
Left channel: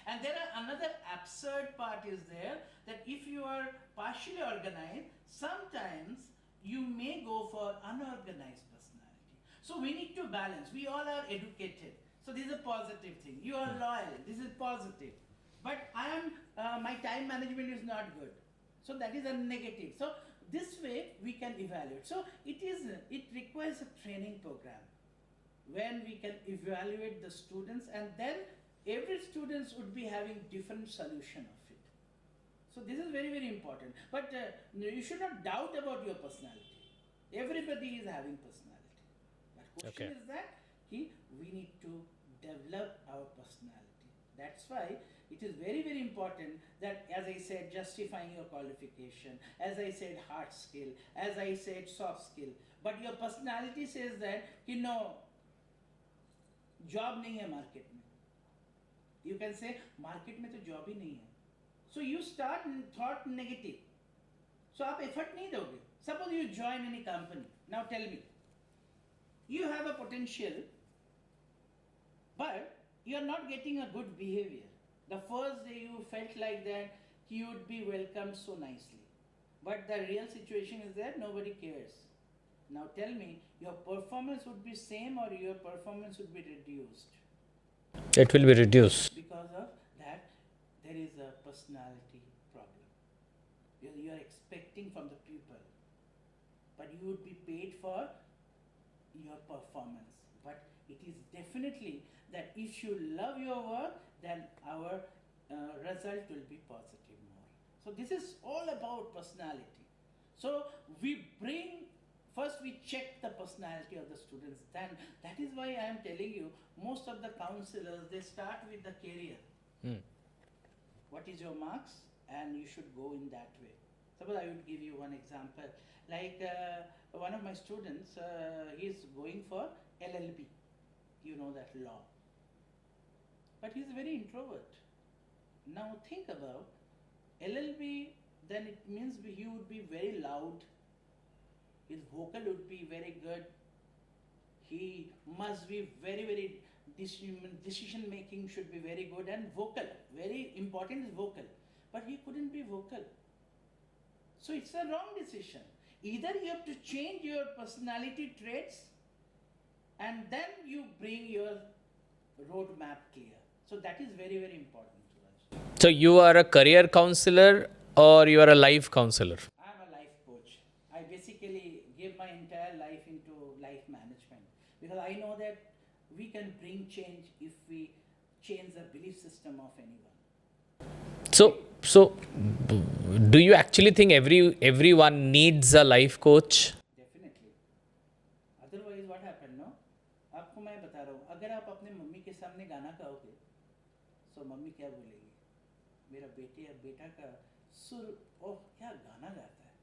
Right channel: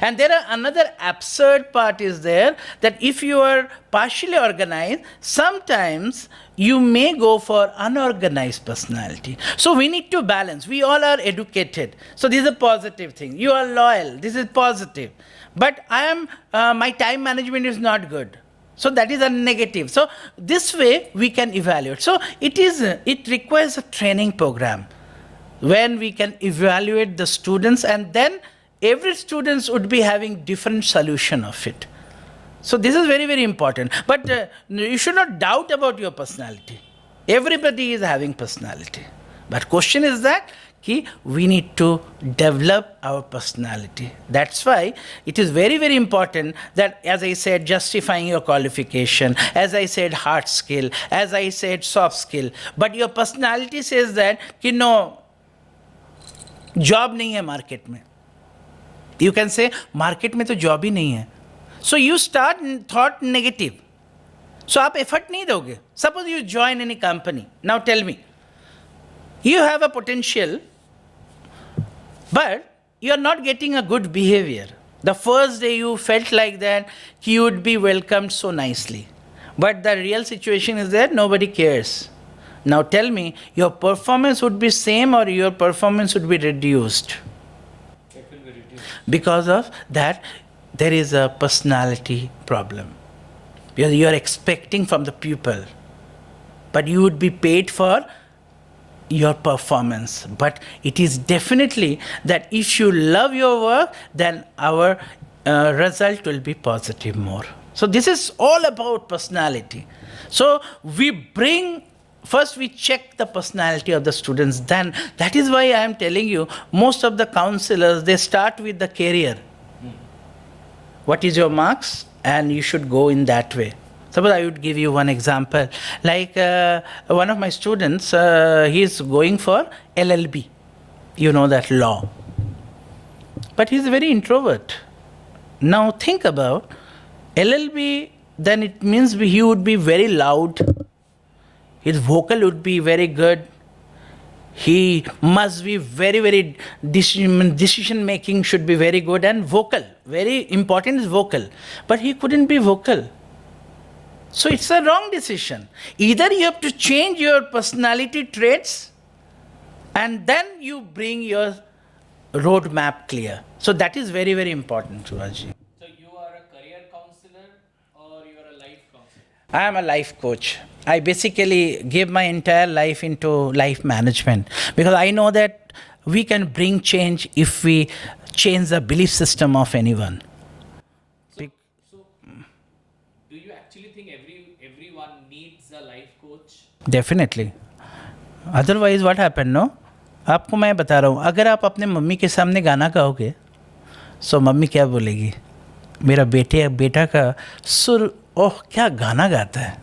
And there are another absurd part is there that if you are partially organized, sometimes you may go for unorganized personality. So we need to balance. We all are educated. So this is a positive thing. You are loyal. This is positive. But my time management is not good. So that is a negative. So this way we can evaluate. So it requires a training program when we can evaluate the students and then every student would be having different solution of it. So this is very, very important. But you should not doubt about your personality. Everybody is having personality. But question is that we need to develop our personality. That's why it is very, very important that, as I said, justifying your qualification, as I said, hard skill, as I said, soft skill. But your personality says that, no, job nahi hai market mein. You can say, market में तो job ही नहीं है. So you start thought negative. So आप effort नहीं दोगे. Suppose you join any company. Now tell me, you have a potential, But you're not getting a good behavior. The first day you felt like that, you would be welcomed so nicely. But the real situation is that nobody cares. Now tell me, your performance would be same or your performance would be reduced? It will be reduced. Because of that, there is a personality problem. You are expecting from the pupil, but you would be paid for your performance. But it is definitely that if you love your work, then our result will be positive more. So this is all about personality. So we bring, first we check the personality of the students. Then that is why I am telling you, most of the counselors, they start with the career. What is your marks? And you should go in that way. Suppose I would give you one example. Like one of my students, he is going for LLB. You know that law. But he is very introvert. Now think about LLB, then it means he would be very loud. His vocal would be very good. He must be very decision making should be very good, and vocal. Very important is vocal. But he couldn't be vocal. So it's a wrong decision. Either you have to change your personality traits and then you bring your roadmap clear. So that is very important, Surajji. So you are a career counselor or you are a life counselor? I am a life coach. I basically give my entire life into life management because I know that we can bring change if we change the belief system of anyone. So do you actually think everyone needs a life coach? Definitely. Otherwise what happened, no? आपको मैं बता रहा हूँ, अगर आप अपने mummy के सामने गाना गाओगे तो मम्मी क्या बोलेगी? मेरा बेटा का सुर, ओह क्या गाना गाता है.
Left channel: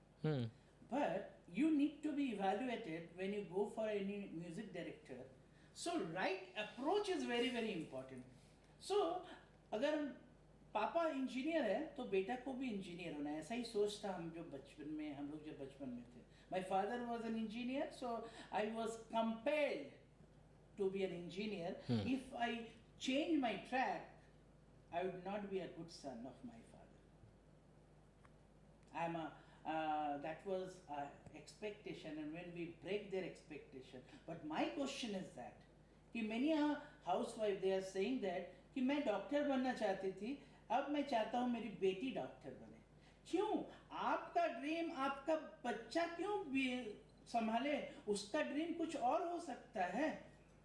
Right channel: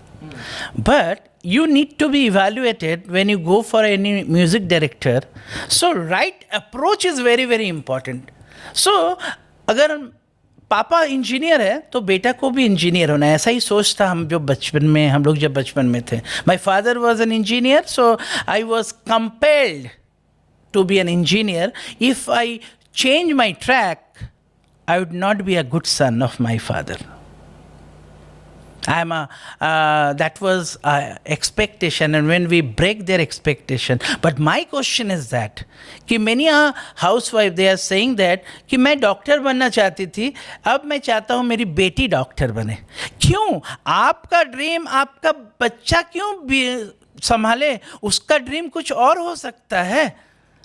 But you need to be evaluated when you go for any music director. So right approach is very important. So अगर पापा इंजीनियर है तो बेटा को भी इंजीनियर होना है. ऐसा ही सोच था हम लोग जब बचपन में थे. My father was an engineer, so I was compelled to be an engineer. If I change my track, I would not be a good son of my father. That was expectation, and when we break their expectation. But my question is that कि many a housewife, they are saying that कि मैं doctor बनना चाहती थी, अब मैं चाहता हूँ मेरी बेटी डॉक्टर बने. क्यों? आपका ड्रीम आपका बच्चा क्यों संभाले? उसका ड्रीम कुछ और हो सकता है.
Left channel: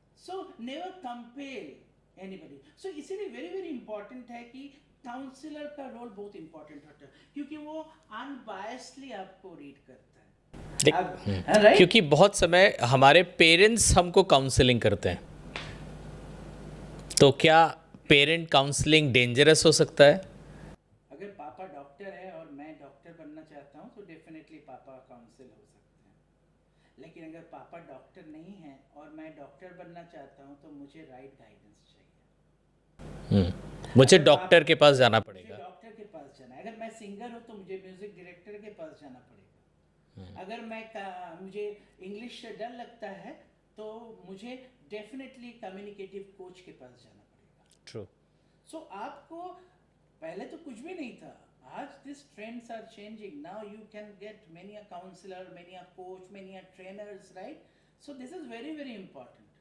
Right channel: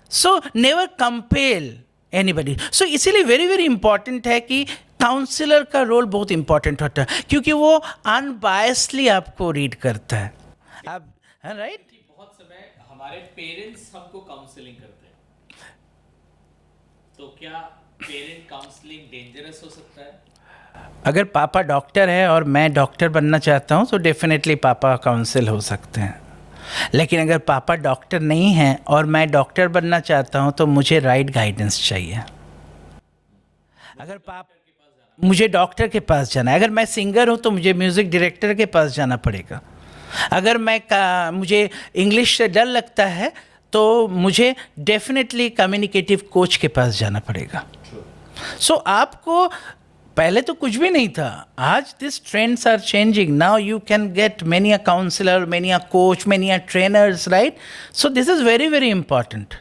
So never compel anybody. So इसीलिए very important है कि काउंसलर का रोल बहुत इंपॉर्टेंट होता है क्योंकि वो अनबायसली आपको रीड करता है. right? क्योंकि बहुत समय हमारे पेरेंट्स हमको काउंसलिंग करते हैं. तो क्या पेरेंट काउंसलिंग डेंजरस हो सकता है? अगर पापा डॉक्टर है और मैं डॉक्टर बनना चाहता हूँ तो डेफिनेटली पापा काउंसिल हो सकते हैं. लेकिन अगर पापा डॉक्टर नहीं हैं और मैं डॉक्टर बनना चाहता हूँ तो मुझे राइट गाइडेंस चाहिए. मुझे डॉक्टर के पास जाना है. अगर मैं सिंगर हूँ तो मुझे म्यूज़िक डायरेक्टर के पास जाना पड़ेगा. अगर मुझे इंग्लिश से डर लगता है तो मुझे डेफिनेटली कम्युनिकेटिव कोच के पास जाना पड़ेगा. सो आपको पहले तो कुछ भी नहीं था. आज this trends are changing. Now you can get many a counsellor, many a coach, many a trainers, right? So this is very important.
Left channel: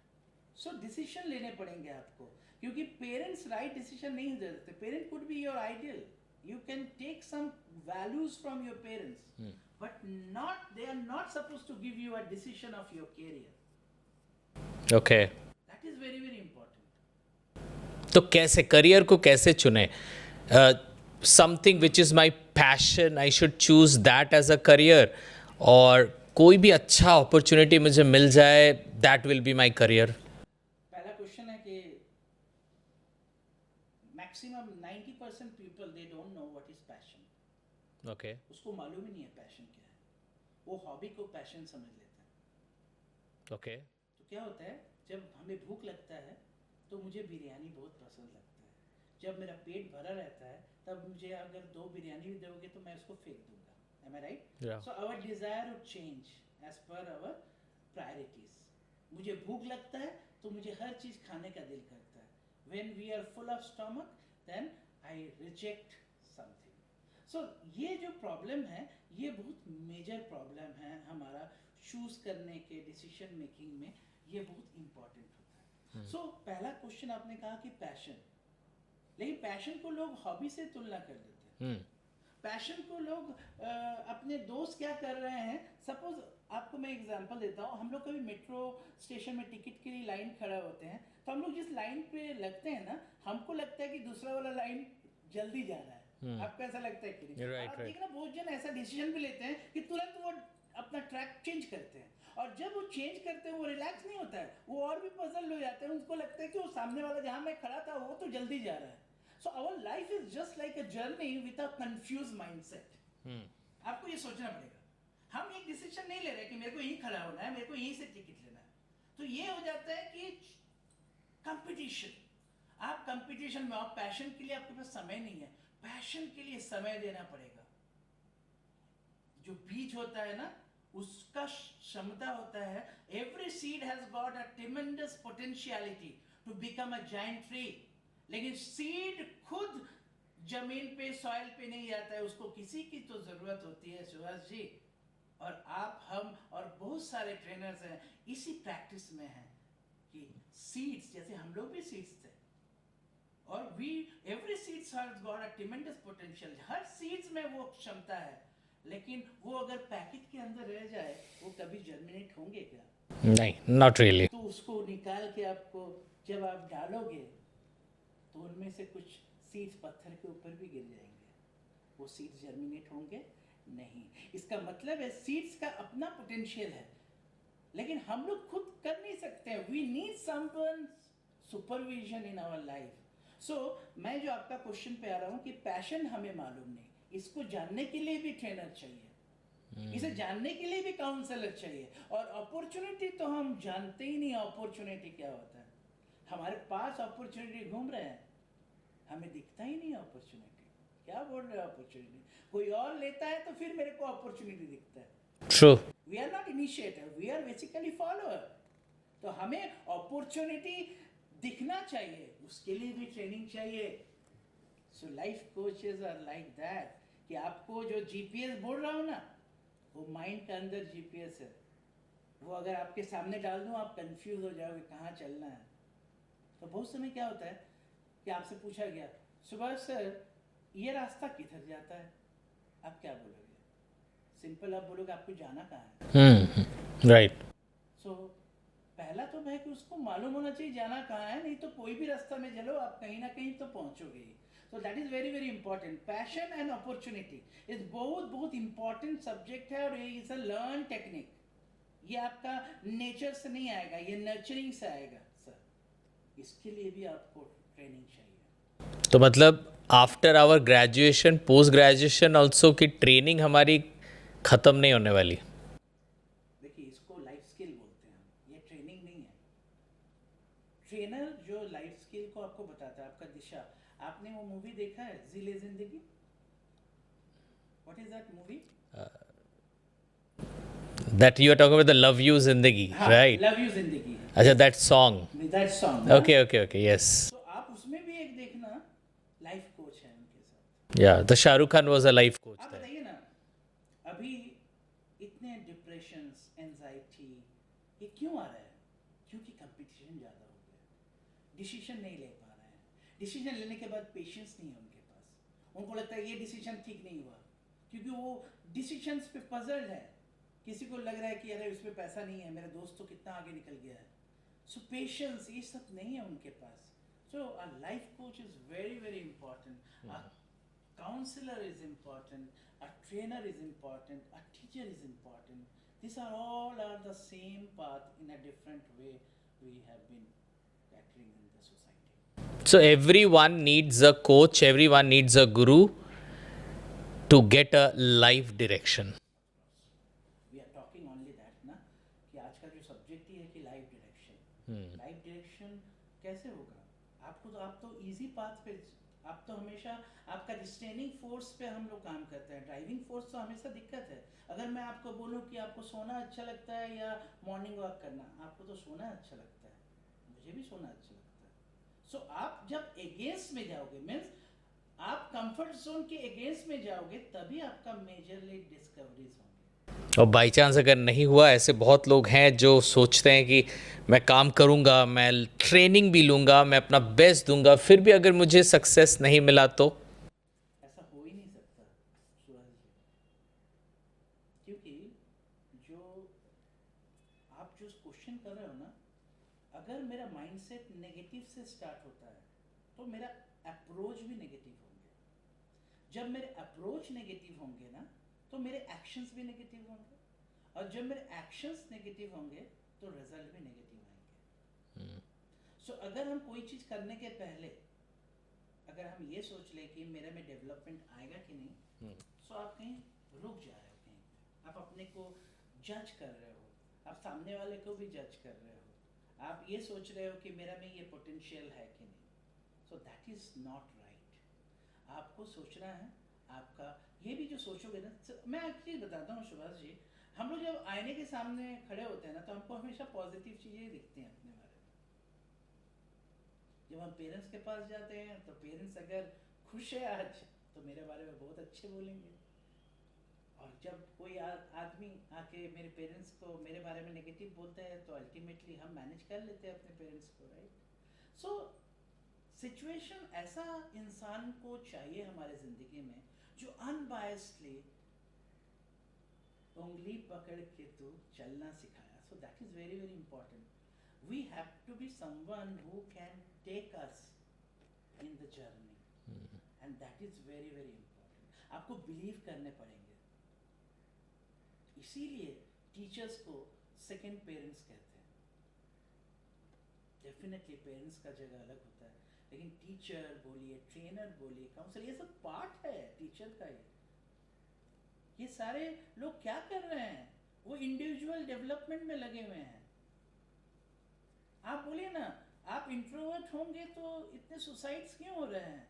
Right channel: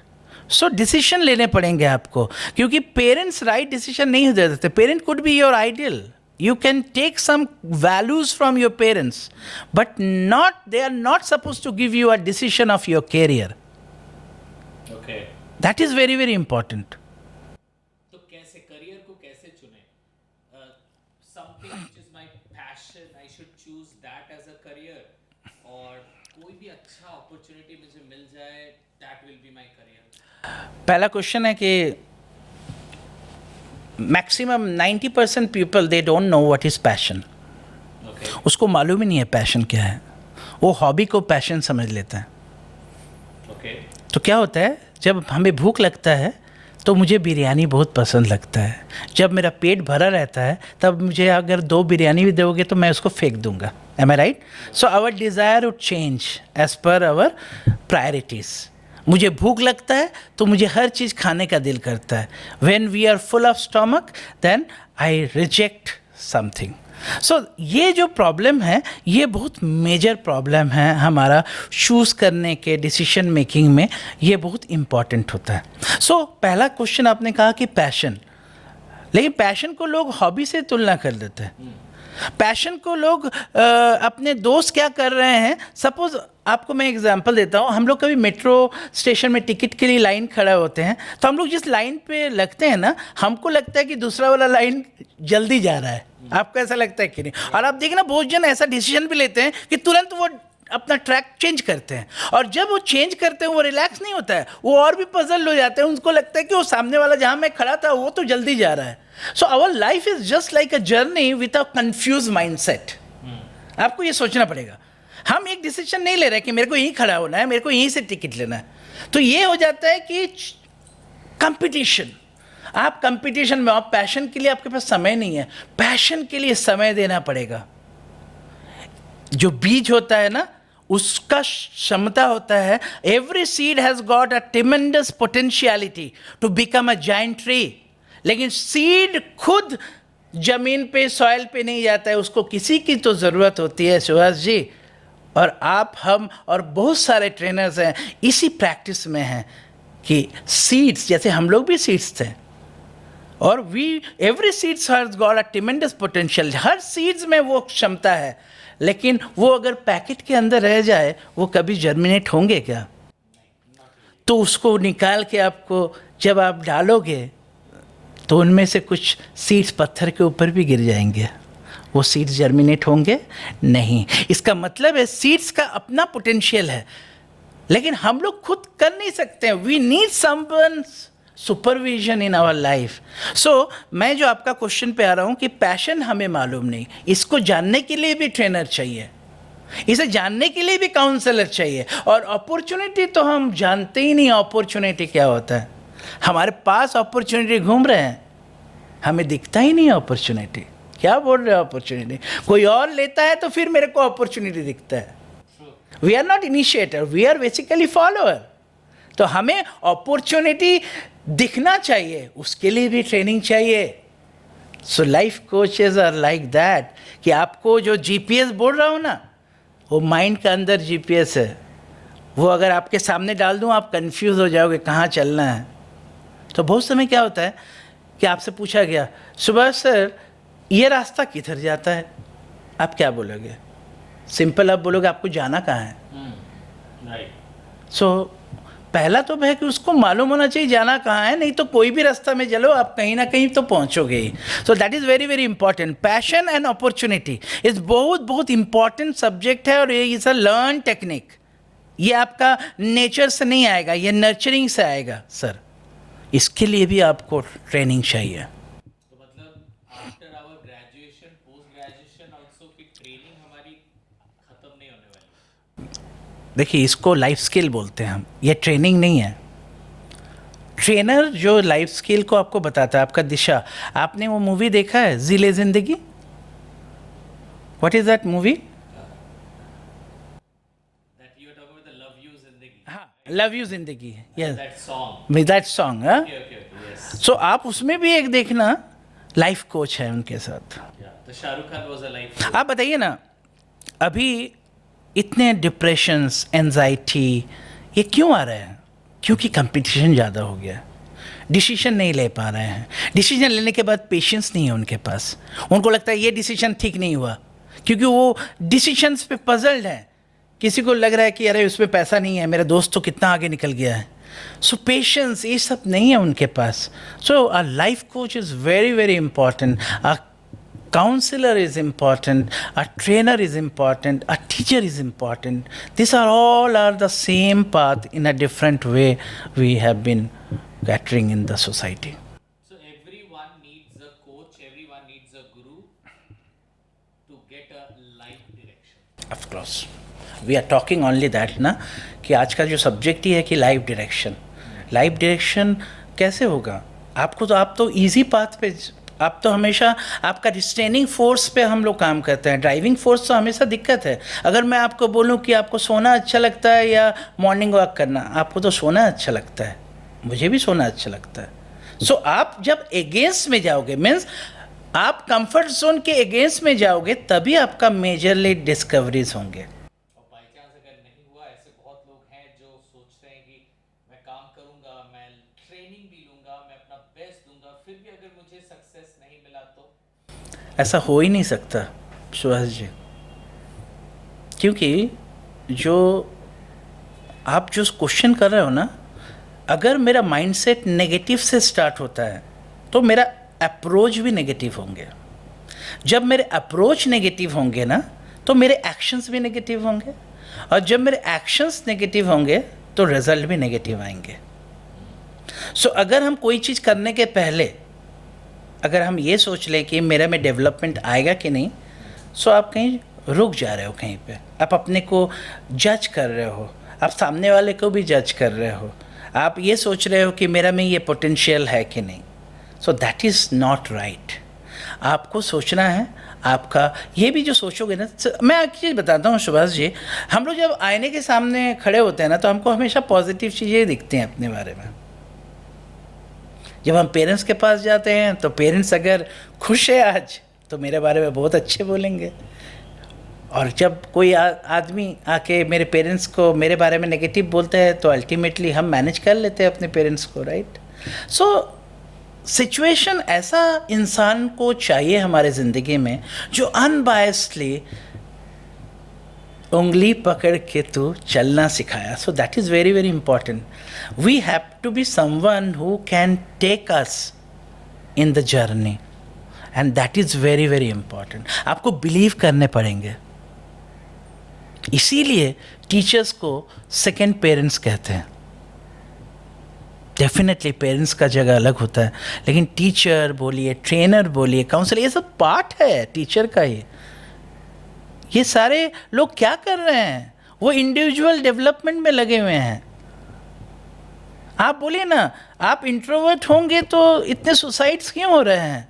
So decision लेने पड़ेंगे आपको क्योंकि पेरेंट्स राइट डिसीजन नहीं दे देते. Parent could be your ideal. You can take some values from your parents, but they are not supposed to give you a decision of your career. Okay. That is very important. तो कैसे career को कैसे चुने? Something which is my passion, I should choose that as a career, और कोई भी अच्छा opportunity मुझे मिल जाए, that will be my career. पहला क्वेश्चन है कि maximum 90% people they don't know what is passion. उसको मालूम ही नहीं है पैशन क्या है. वो हॉबी को पैशन समझ लेता है. तो क्या होता है, जब हमें भूख लगता है तो मुझे बिरयानी बहुत पसंद लगता है. जब मेरा पेट भरा रहता है तब मुझे अगर 2 बिरयानी भी दोगे तो मैं उसको फेंक दूंगा. Am I right? So our desire would change as per our priorities. मुझे भूख लगता है तो मुझे हर चीज़ खाने का दिल करता है. When we are full of stomach, then I reject something. सो ये जो प्रॉब्लम है ये बहुत मेजर प्रॉब्लम है हमारा चूज़ करने के डिसीजन मेकिंग में. ये बहुत इम्पॉर्टेंट होता है. सो पहला क्वेश्चन आपने कहा कि पैशन, लेकिन पैशन को लोग हॉबी से तुलना कर देते हैं. पैशन को लोग अपने दोस्त क्या कर रहे हैं. सपोज आपको मैं एग्जांपल देता हूँ. हम लोग कभी मेट्रो स्टेशन में टिकट के लिए लाइन खड़ा होते हैं तो हम लोग जिस लाइन पे लगते हैं ना, हमको लगता है कि दूसरा वाला लाइन जल्दी जा रहा है. आपको ऐसा लगता है कि नहीं? और आप देखिए ना, बहुत जन ऐसा डिसीजन भी लेते हैं कि तुरंत वो अपना ट्रैक चेंज करते हैं, और जब वो चेंज करते हैं वो रिलैक्स नहीं होता है, वो और भी पजल हो जाते हैं. उनको लगता है कि वो सामने वाला जहाँ मैं खड़ा था वो तो जल्दी जा रहा है. So our life is just like a journey with a confuse mindset. आपको ये सोचना पड़ेगा. हम एक डिसीजन नहीं ले रहे कि मेरे को यहीं खड़ा होना है, मेरे को यहीं से टिकट लेना है. तो ये हो जाता है कि कंपटीशन. आप कंपटीशन में, आप पैशन के लिए आपके पास समय नहीं है. पैशन के लिए समय देना पड़ेगा. जो बीज होता है ना, उसका क्षमता होता है. Every seed has got a tremendous potentiality to become a giant tree. लेकिन सीड खुद जमीन पे, सॉइल पे नहीं जाता है. उसको किसी की तो ज़रूरत होती है. सुहास जी और आप, हम और बहुत सारे ट्रेनर्स हैं इसी प्रैक्टिस में हैं कि सीड्स, जैसे हम लोग भी सीड्स थे, और every seeds has got a tremendous potential. Her seeds में वो क्षमता है, लेकिन वो अगर पैकेट के अंदर रह जाए वो कभी जर्मिनेट होंगे क्या? नहीं, नॉट रियली. तो उसको निकाल के आपको जब आप डालोगे तो उनमें से कुछ सीड्स पत्थर के ऊपर भी गिर जाएंगे. वो सीड्स जर्मिनेट होंगे नहीं. इसका मतलब है सीड्स का अपना पोटेंशियल है, लेकिन हम लोग खुद कर नहीं सकते हैं. We need someone supervision in our life. So मैं जो आपका क्वेश्चन पे आ रहा हूँ कि पैशन हमें मालूम नहीं, इसको जानने के लिए भी ट्रेनर चाहिए, इसे जानने के लिए भी काउंसलर चाहिए. और अपॉर्चुनिटी तो हम जानते ही नहीं अपॉर्चुनिटी क्या होता है. हमारे पास अपॉर्चुनिटी घूम रहे हैं, हमें दिखता ही नहीं अपॉर्चुनिटी. क्या बोल रहे हो अपॉर्चुनिटी? कोई और लेता है तो फिर मेरे को अपॉर्चुनिटी दिखता है. True. We are not initiator, we are basically follower. तो हमें अपॉर्चुनिटी दिखना चाहिए, उसके लिए भी ट्रेनिंग चाहिए. So life coaches are like that कि आपको जो जीपीएस बोल रहा हूँ ना, वो माइंड का अंदर जीपीएस है. वो अगर आपके सामने डाल दूँ आप कंफ्यूज हो जाओगे कहाँ चलना है. तो बहुत समय क्या होता है कि आपसे पूछा गया, सुबह सर ये रास्ता किधर जाता है, आप क्या बोलोगे? सिंपल आप बोलोगे आपको जाना कहाँ है. राइट. सो पहला तो है कि उसको मालूम होना चाहिए जाना कहाँ है, नहीं तो कोई भी रास्ता में चलो आप कहीं ना कहीं तो पहुँचोगे ही. So that is very very important. Passion and opportunity is बहुत बहुत इंपॉर्टेंट सब्जेक्ट है, और ये इज़ अ लर्न टेक्निक. ये आपका नेचर से नहीं आएगा, ये नर्चरिंग से आएगा सर. इसके लिए भी आपको ट्रेनिंग चाहिए. तो मतलब after our graduation, post graduation also की ट्रेनिंग हमारी ख़त्म नहीं होने वाली. देखिए इसको लाइफ स्किल बोलते हैं हम, ये ट्रेनिंग नहीं है. ट्रेनर जो लाइफ स्किल को आपको बताता है, आपका दिशा. आपने वो मूवी देखा है ज़िले ज़िंदगी? What is that movie? That you are talking about the Love You Zindagi, right? Love you जिंदगी. अच्छा, that song. With that song. Okay, okay, okay, yes. सो आप उसमें भी एक देखना, लाइफ कोच है उनके साथ. Yeah, the Shah Rukh Khan was a life. आप बताइए ना, अभी इतने डिप्रेशंस, एंजाइटी, ये क्यों आ रहे हैं? क्योंकि कंपटीशन ज़्यादा हो गया. डिसीजन नहीं ले पा रहे हैं. डिसीजन लेने के बाद पेशेंस नहीं है उनके पास. उनको लगता है ये डिसीजन ठीक नहीं हुआ, क्योंकि वो डिसीजंस पे पजल्ड है. किसी को लग रहा है कि अरे उसमें पैसा नहीं है, मेरा दोस्त तो कितना आगे निकल गया है. सो पेशेंस ये सब नहीं है उनके पास. So a life coach is very very important. A counselor is important, a trainer is important, a teacher is important. These are all the same path in a different way we have been catering in the society. So everyone needs a coach, everyone needs a guru to get a life direction. Of course. We are talking only that ना, कि आज का जो subject ही है कि life direction. Life direction कैसे होगा? आपको तो, आप तो इजी पाथ पे आप तो हमेशा आपका रिस्ट्रेनिंग फोर्स पे हम लोग काम करते हैं, ड्राइविंग फोर्स तो हमेशा दिक्कत है। अगर मैं आपको बोलूं कि आपको सोना अच्छा लगता है या मॉर्निंग वॉक करना, आपको तो सोना अच्छा लगता है, मुझे भी सोना अच्छा लगता है। सो आप जब अगेंस्ट में जाओगे, मीन्स आप कंफर्ट जोन के अगेंस्ट में जाओगे, तभी आपका मेजरली डिस्कवरीज होंगे। और बाई चांस अगर नहीं हुआ, ऐसे बहुत लोग हैं जो सोचते हैं कि मैं काम करूंगा, मैं ट्रेनिंग भी लूंगा, मैं अपना बेस्ट दूंगा, फिर भी अगर मुझे सक्सेस नहीं मिला तो? ऐसा हो ही नहीं सकता सुभाष जी, क्योंकि जो आप जो क्वेश्चन कर रहे हो ना, अगर मेरा माइंडसेट नेगेटिव से स्टार्ट होता है तो मेरा अप्रोच भी नेगेटिव होंगे। जब मेरे अप्रोच नेगेटिव होंगे ना, तो मेरे एक्शंस भी नेगेटिव होंगे, और जब मेरे एक्शंस नेगेटिव होंगे तो रिजल्ट भी नेगेटिव आएंगे। सो अगर हम कोई चीज़ करने के पहले अगर हम ये सोच लें कि मेरा में डेवलपमेंट आएगा कि नहीं, सो आप कहीं रुक जा रहे हो, कहीं पे आप अपने को जज कर रहे हो, आप सामने वाले को भी जज कर रहे हो, आप ये सोच रहे हो कि मेरा में ये पोटेंशियल है कि नहीं। सो दैट इज़ नॉट राइट। आपको सोचना है, आपका ये भी जो सोचोगे ना, मैं एक चीज़ बताता हूँ सुभाष जी, हम लोग जब आईने के सामने खड़े होते हैं ना, तो हमको हमेशा पॉजिटिव चीज़ें दिखती हैं अपने बारे में। जब हम पेरेंट्स के पास जाते हैं तो पेरेंट्स अगर खुश है आज, तो मेरे बारे में बहुत अच्छे बोलेंगे, और जब कोई आदमी आके मेरे पेरेंट्स को मेरे बारे में नेगेटिव बोलता है, तो अल्टीमेटली हम मैनेज कर लेते हैं अपने पेरेंट्स को, राइट। सो सिचुएशन ऐसा इंसान को चाहिए हमारे ज़िंदगी में जो अनबायस्डली उंगली पकड़ के तू चलना सिखाया। So that is very very important. We have to be someone who can take us in the journey, and that is very very important. आपको बिलीव करने पड़ेंगे। इसीलिए टीचर्स को सेकेंड पेरेंट्स कहते हैं। डेफिनेटली पेरेंट्स का जगह अलग होता है, लेकिन टीचर बोलिए, ट्रेनर बोलिए, काउंसलर, ये सब पार्ट है टीचर का ही। ये सारे लोग क्या कर रहे हैं? वो इंडिविजुअल डेवलपमेंट में लगे हुए हैं। आप बोलिए ना, आप इंट्रोवर्ट होंगे तो इतने सुसाइड्स क्यों हो रहे हैं?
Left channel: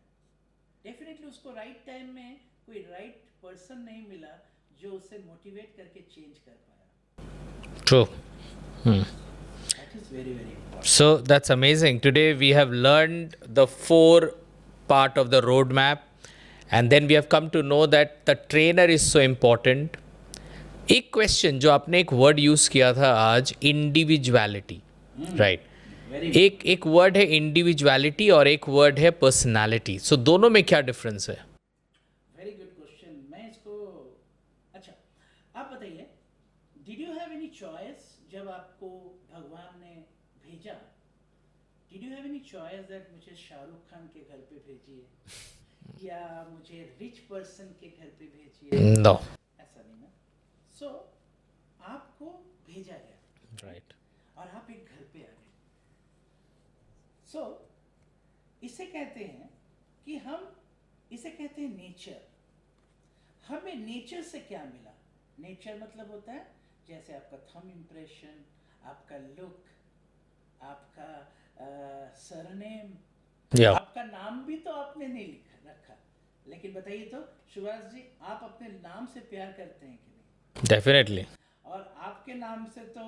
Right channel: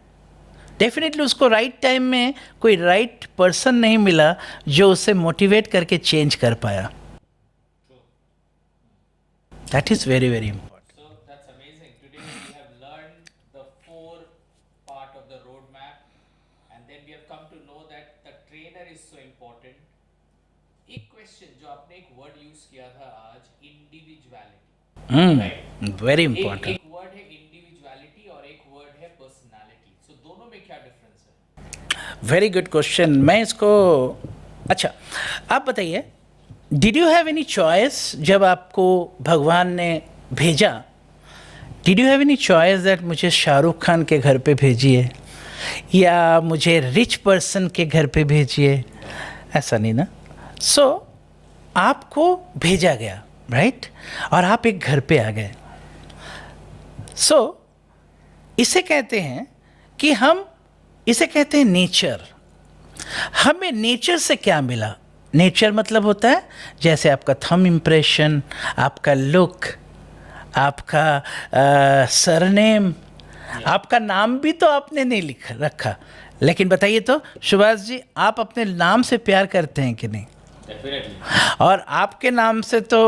डेफिनेटली उसको राइट टाइम में कोई राइट पर्सन नहीं मिला जो उसे मोटिवेट करके चेंज कर पाया। True. That is very very important. So that's amazing. Today we have learned the 4 part of the roadmap, and then we have come to know that the trainer is so important. एक question जो आपने एक word use किया था आज, individuality, right? Very important. एक word है individuality और एक वर्ड है पर्सनालिटी। सो दोनों में क्या डिफरेंस है? Very good question. मैं इसको, अच्छा आप बताइए, did you have any choice जब आपको भगवान ने भेजा? Did you have any choice that मुझे शाहरुख खान के घर पे भेजिए या मुझे रिच पर्सन के घर पे भेजिए? नो, ऐसा नहीं ना। सो आपको भेजा गया, राइट, और आप एक घर पे आ गए। सो इसे कहते हैं कि हम इसे कहते हैं नेचर। हमें नेचर से क्या मिला? नेचर मतलब होता है जैसे आपका थंब इम्प्रेशन, आपका लुक, आपका सरनेम, आपका नाम भी तो आपने नहीं लिखा रखा, लेकिन बताइए तो सुभाष जी, आप अपने नाम से प्यार करते हैं कि नहीं? डेफिनेटली। और आपके नाम से तो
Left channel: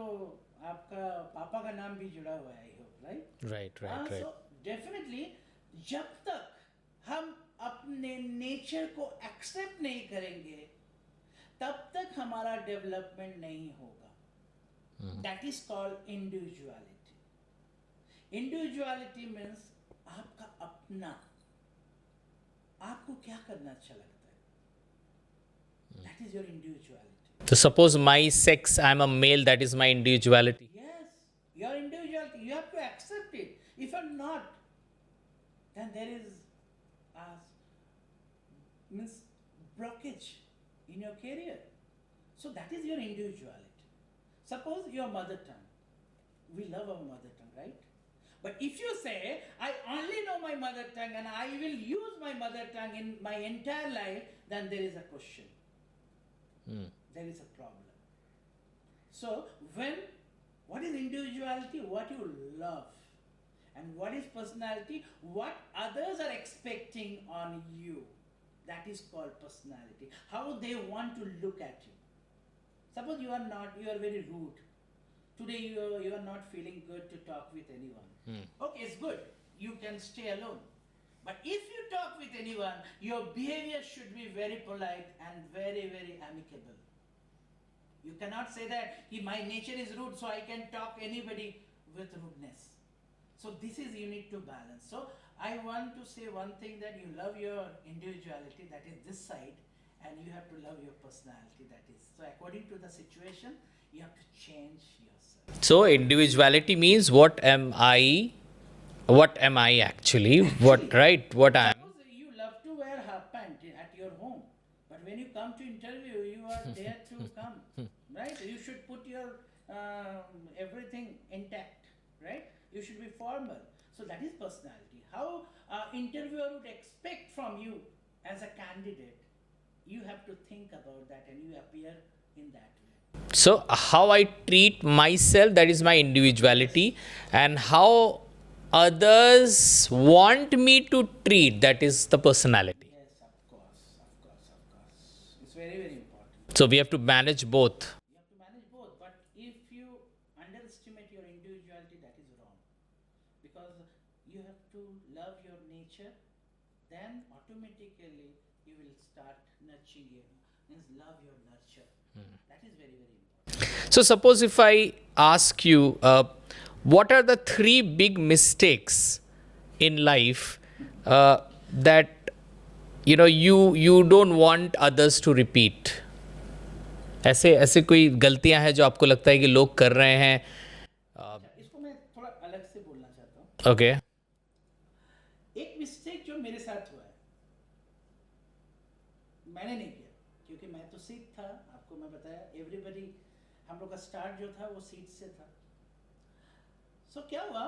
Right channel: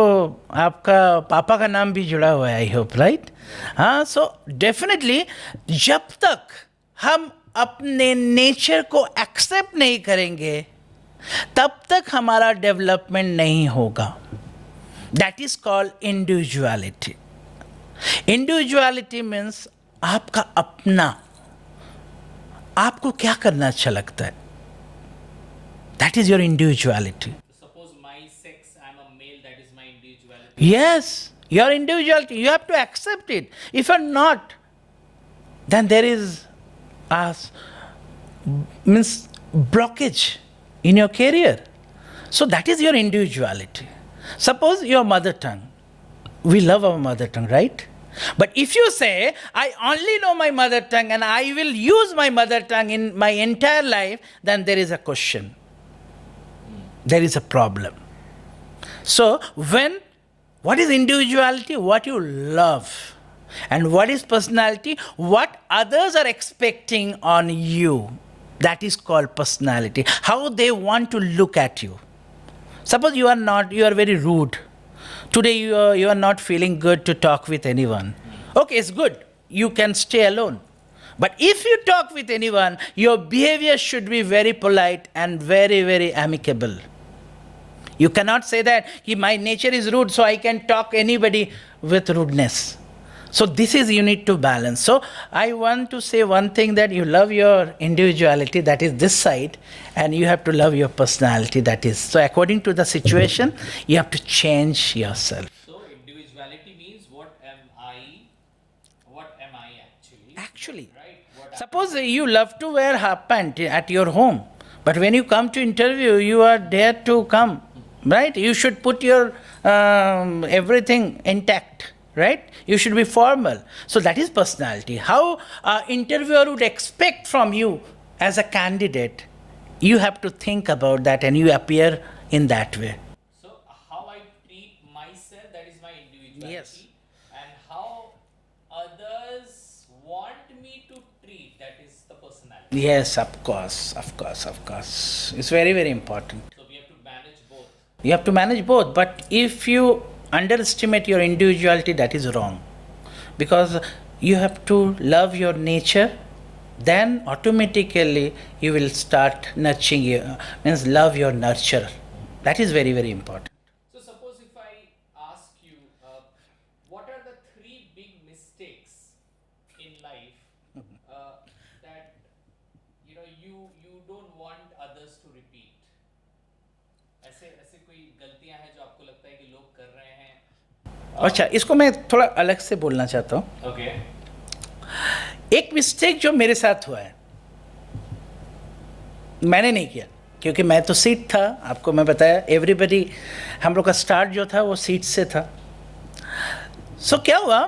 आपका पापा का नाम भी जुड़ा हुआ है, आई होप, राइट? हाँ, सो डेफिनेटली जब तक हम अपने नेचर को एक्सेप्ट नहीं करेंगे, तब तक हमारा डेवलपमेंट नहीं होगा। That is called individuality. Individuality means आपका अपना, आपको क्या करना अच्छा लगता है, that is your individuality. So suppose my sex, I'm a male, that is my individuality. Yes, your individuality, you have to accept it. If you're not, then there is means blockage in your career. So that is your individuality. Suppose your mother tongue. We love our mother tongue, right? But if you say, I only know my mother tongue and I will use my mother tongue in my entire life, then there is a question. There is a problem. So what is individuality? What you love. And what is personality? What others are expecting on you. That is called personality. How they want to look at you. Suppose you are very rude. Today you are not feeling good to talk with anyone. Okay, it's good. You can stay alone. But if you talk with anyone, your behavior should be very polite and very, very amicable. You cannot say that my nature is rude, so I can talk anybody with rudeness. So this is, you need to balance. So I want to say one thing, that you love your individuality, that is this side, and you have to love your personality, that is. So according to the situation, you have to change yourself. So individuality means what am I actually? What, right? What I am. Suppose you love to wear half pant at your home, but when you come to interview, you are there to come, right? You should put your everything intact, right? You should be formal. So that is personality. How an interviewer would expect from you as a candidate, you have to think about that and you appear in that way. So how I treat myself, that is my individuality, and how others want me to treat, that is the personality. Yes, of course. It's very, very important. So we have to manage both. You have to manage both, but if you underestimate your individuality, that is wrong. Because you have to love your nature, then automatically you will start nurturing means love your nurturer. That is very, very important. So suppose if I ask you, what are the 3 big mistakes in life that you don't want others to repeat? ऐसे कोई गलतियां हैं जो आपको लगता है कि लोग कर रहे हैं? अच्छा, इसको मैं थोड़ा अलग से बोलना चाहता हूँ. ओके. एक मिस्टेक जो मेरे साथ हुआ है, मैंने नहीं किया क्योंकि मैं तो सीट था. आपको मैं बताया, एवरीबडी, हम लोग का स्टार्ट जो था वो सीट से था. सो क्या हुआ,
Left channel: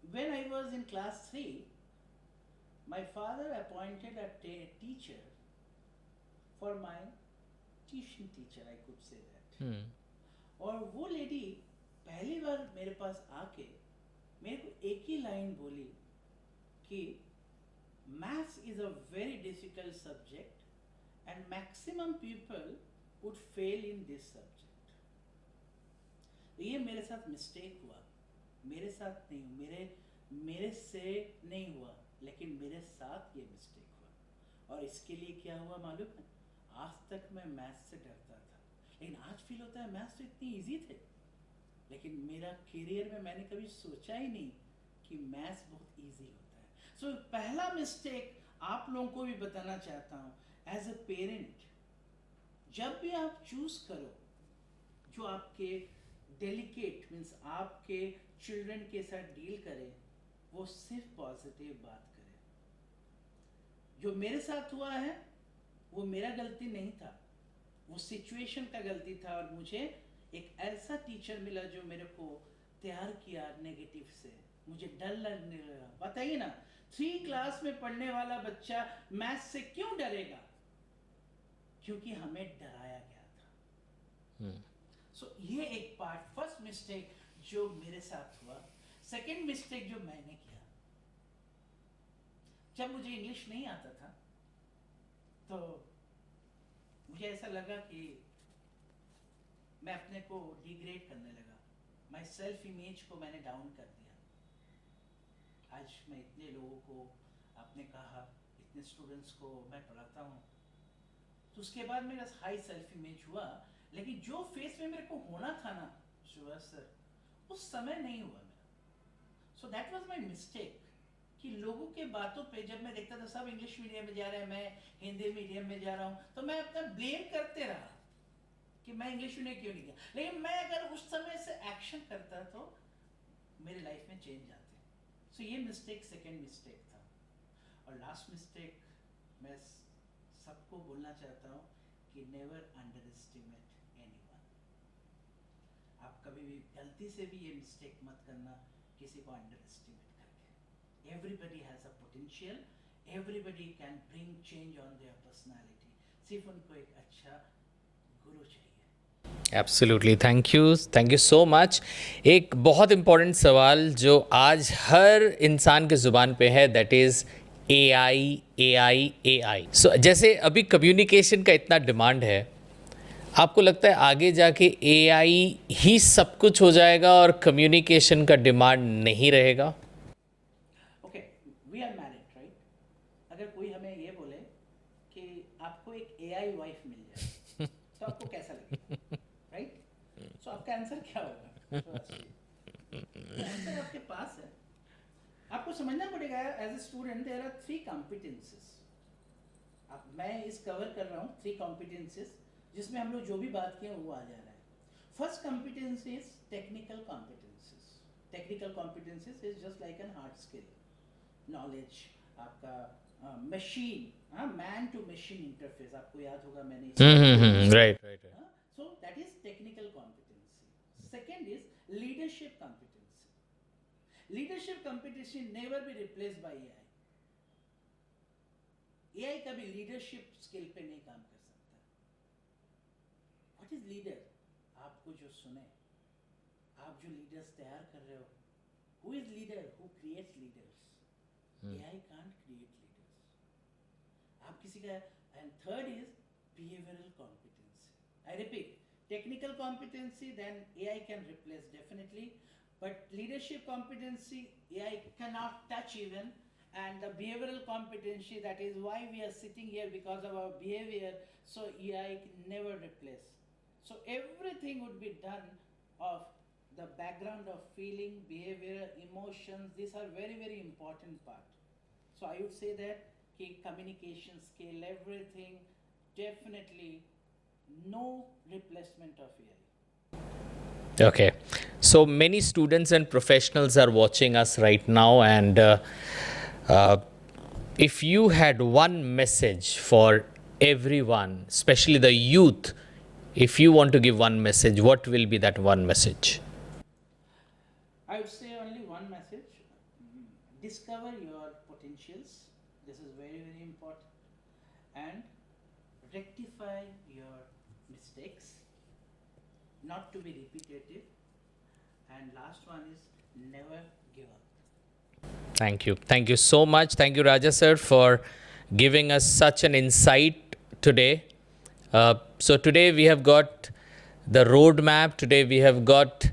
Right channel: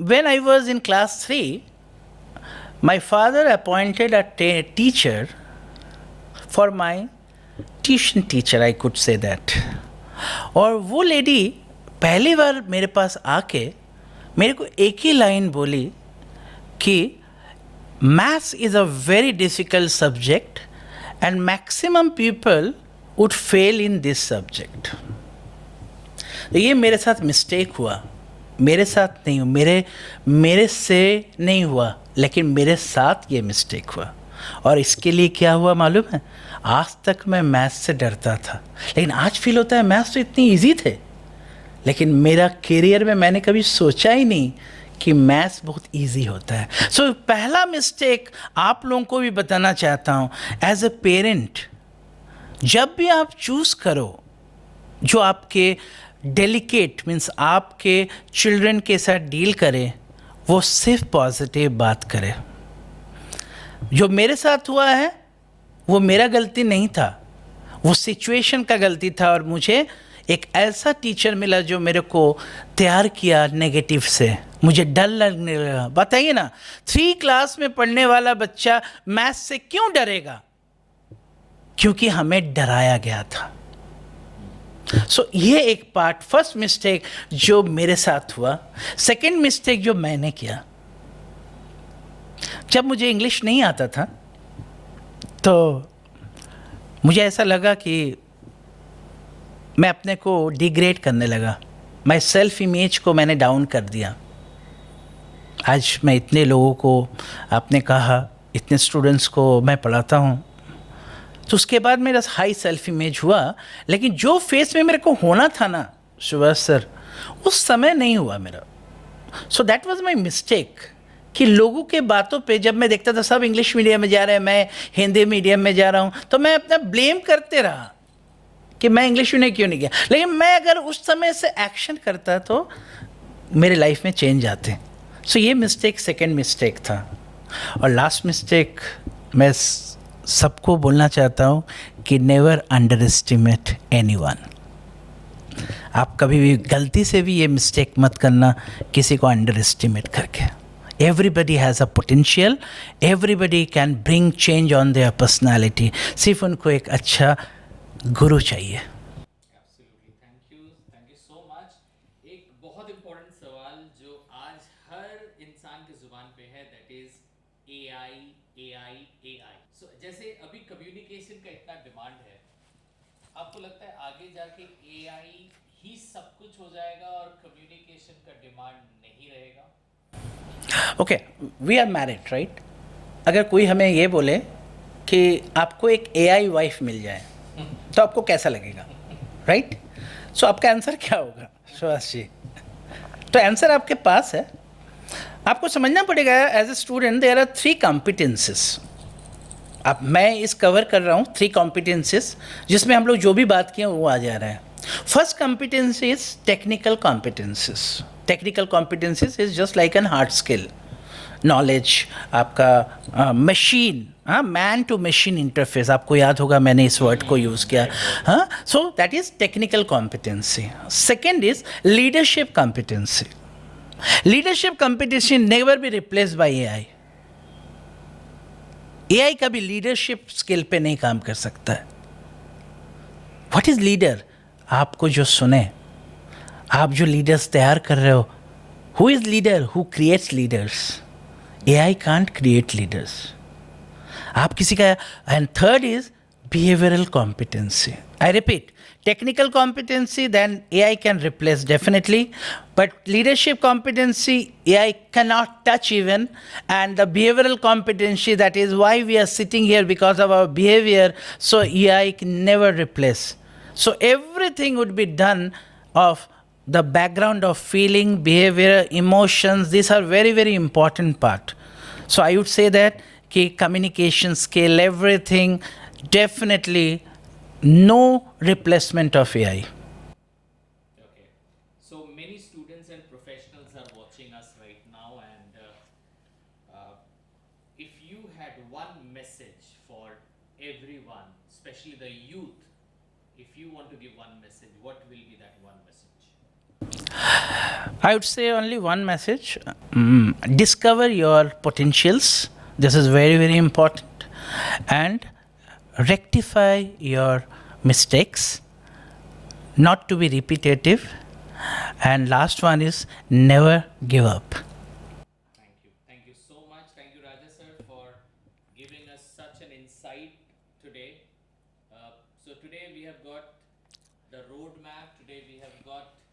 when I was in class 3, my father appointed a teacher for my tuition teacher, I could say that. और वो लेडी पहली बार मेरे पास आके मेरे को एक ही लाइन बोली कि maths is a very difficult subject and maximum people would fail in this subject. ये मेरे साथ मिस्टेक हुआ. मेरे साथ नहीं हुआ, मेरे से नहीं हुआ, लेकिन मेरे साथ ये मिस्टेक हुआ. और इसके लिए क्या हुआ मालूम है? आज तक मैं मैथ्स से डरता था, लेकिन आज फील होता है मैथ्स तो इतनी इजी थे. लेकिन मेरा करियर में मैंने कभी सोचा ही नहीं कि मैथ्स बहुत इजी होता है. सो पहला मिस्टेक आप लोगों को भी बताना चाहता हूँ, एज ए पेरेंट, जब भी आप चूज़ करो जो आपके डेलिकेट मीन्स आपके चिल्ड्रन के साथ डील करें, वो सिर्फ पॉजिटिव बात करें. जो मेरे साथ हुआ है वो मेरा गलती नहीं था, वो सिचुएशन का गलती था. और मुझे एक ऐसा टीचर मिला जो मेरे को तैयार किया नेगेटिव से. मुझे डर लगने लगा. बताइए ना, 3 क्लास में पढ़ने वाला बच्चा मैथ्स से क्यों डरेगा? क्योंकि हमें डराया गया था. सो ये एक पार्ट, फर्स्ट मिस्टेक जो मेरे साथ हुआ. सेकंड मिस्टेक जो मैंने किया, जब मुझे इंग्लिश नहीं आता था तो मुझे ऐसा लगा कि मैं अपने को डिग्रेड करने लगा. मैं सेल्फ इमेज को मैंने डाउन कर दिया. आज मैं इतने लोगों को, आपने कहा इतने स्टूडेंट्स को मैं पढ़ाता हूँ, तो उसके बाद मेरा हाई सेल्फ इमेज हुआ. लेकिन जो फेस में मेरे को होना था ना सुभाष सर, उस समय नहीं हुआ मेरा. So that was my mistake कि लोगों के बातों पे जब मैं देखता था सब इंग्लिश मीडियम में जा रहे हैं, मैं हिंदी मीडियम में जा रहा हूँ, तो मैं अपना ब्लेम करते रहा कि मैं इंग्लिश में क्यों नहीं गया. लेकिन मैं अगर उस समय से एक्शन करता तो मेरे लाइफ में चेंज आते. सो ये मिस्टेक सेकंड मिस्टेक था. और लास्ट मिस्टेक मैं सबको बोलना चाहता हूँ कि नेवर अंडर एस्टिमेट एनीवन. आप कभी भी गलती से भी ये मिस्टेक मत करना किसी को अंडर एस्टिमेट करके. Everybody has a potential. Everybody can bring change on their personality. सिर्फ उनको एक अच्छा गुरु चाहिए. Absolutely, thank you so much. एक बहुत इम्पोर्टेंट सवाल जो आज हर इंसान के ज़ुबान पे है, दैट इज़ AI। सो जैसे अभी कम्युनिकेशन का इतना डिमांड है, आपको लगता है आगे जाके AI ही सब कुछ हो जाएगा और कम्युनिकेशन का डिमांड नहीं रहेगा? Okay, we are married right. अगर कोई हमें ये बोले कि आपको एक AI वाइफ मिल जाए तो आपको कैसा लगेगा, राइट? सो आपका आंसर क्या होगा सुभाष जी? तो आंसर आपके पास है। आपको समझना पड़ेगा as a student there are 3 competences. अब मैं इस कवर कर रहा हूँ 3 कॉम्पिटेंसेस जिसमें हम लोग जो भी बात किए वो आ जा रहा है। First competency is technical competencies. Technical competencies is just like an hard skill knowledge, आपका मशीन, हाँ, मैन टू मशीन इंटरफेस, आपको याद होगा मैंने इस वर्ड को यूज़ किया, हाँ। So that is technical competency. Second is leadership competency. Leadership competency never be replaced by AI। AI कभी लीडरशिप स्किल पे नहीं काम कर सकता है। What is leader? आपको जो सुने, आप जो लीडर्स तैयार कर रहे हो, who is leader? Who creates leaders. AI can't create leaders. आप किसी का। And third is behavioural competency. I repeat, technical competency then AI can replace definitely, but leadership competency AI cannot touch even, and the behavioral competency, that is why we are sitting here, because of our behavior, so AI can never replace. So everything would be done of the background of feeling, behavior, emotions. These are very, very important part. So I would say that ki communication skill, everything, definitely no replacement of AI. Okay. So many students and professionals are watching us right now, and if you had one message for everyone, especially the youth, if you want to give one message, what will be that one message? I would say only one message. Discover your potentials. This is very, very important. And rectify your mistakes, not to be repetitive. And last one is never give up. Thank you. Thank you so much. Thank you, Raja sir, for giving us such an insight today. So today we have got the roadmap. Today we have got,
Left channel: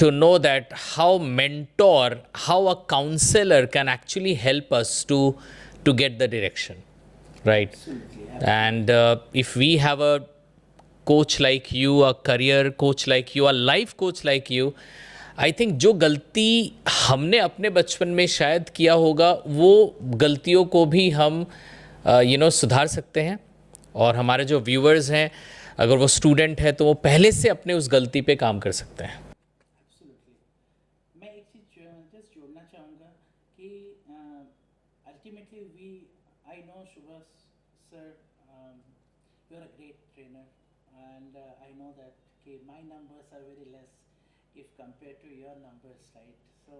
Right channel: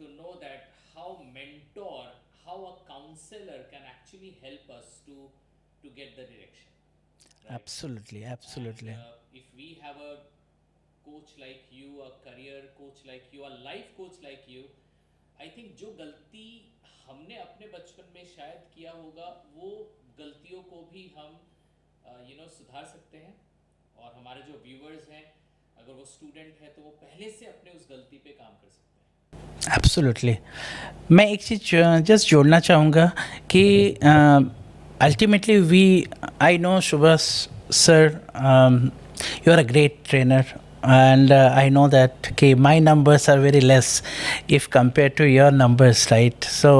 to know that how mentor, how a counselor can actually help us to get the direction, right? Absolutely. And if we have a coach like you, a career coach like you, a life coach like you, I think जो गलती हमने अपने बचपन में शायद किया होगा, वो गलतियों को भी हम सुधार सकते हैं। और हमारे जो व्यूअर्स हैं, अगर वो स्टूडेंट है तो वो पहले से अपने उस गलती पे काम कर सकते हैं। एब्सोल्युटली। मैं एक चीज़ जस्ट जोड़ना चाहूँगा कि ultimately I know Subhash sir, you are a great trainer, and I know that my numbers are very less if compared to your numbers, right? So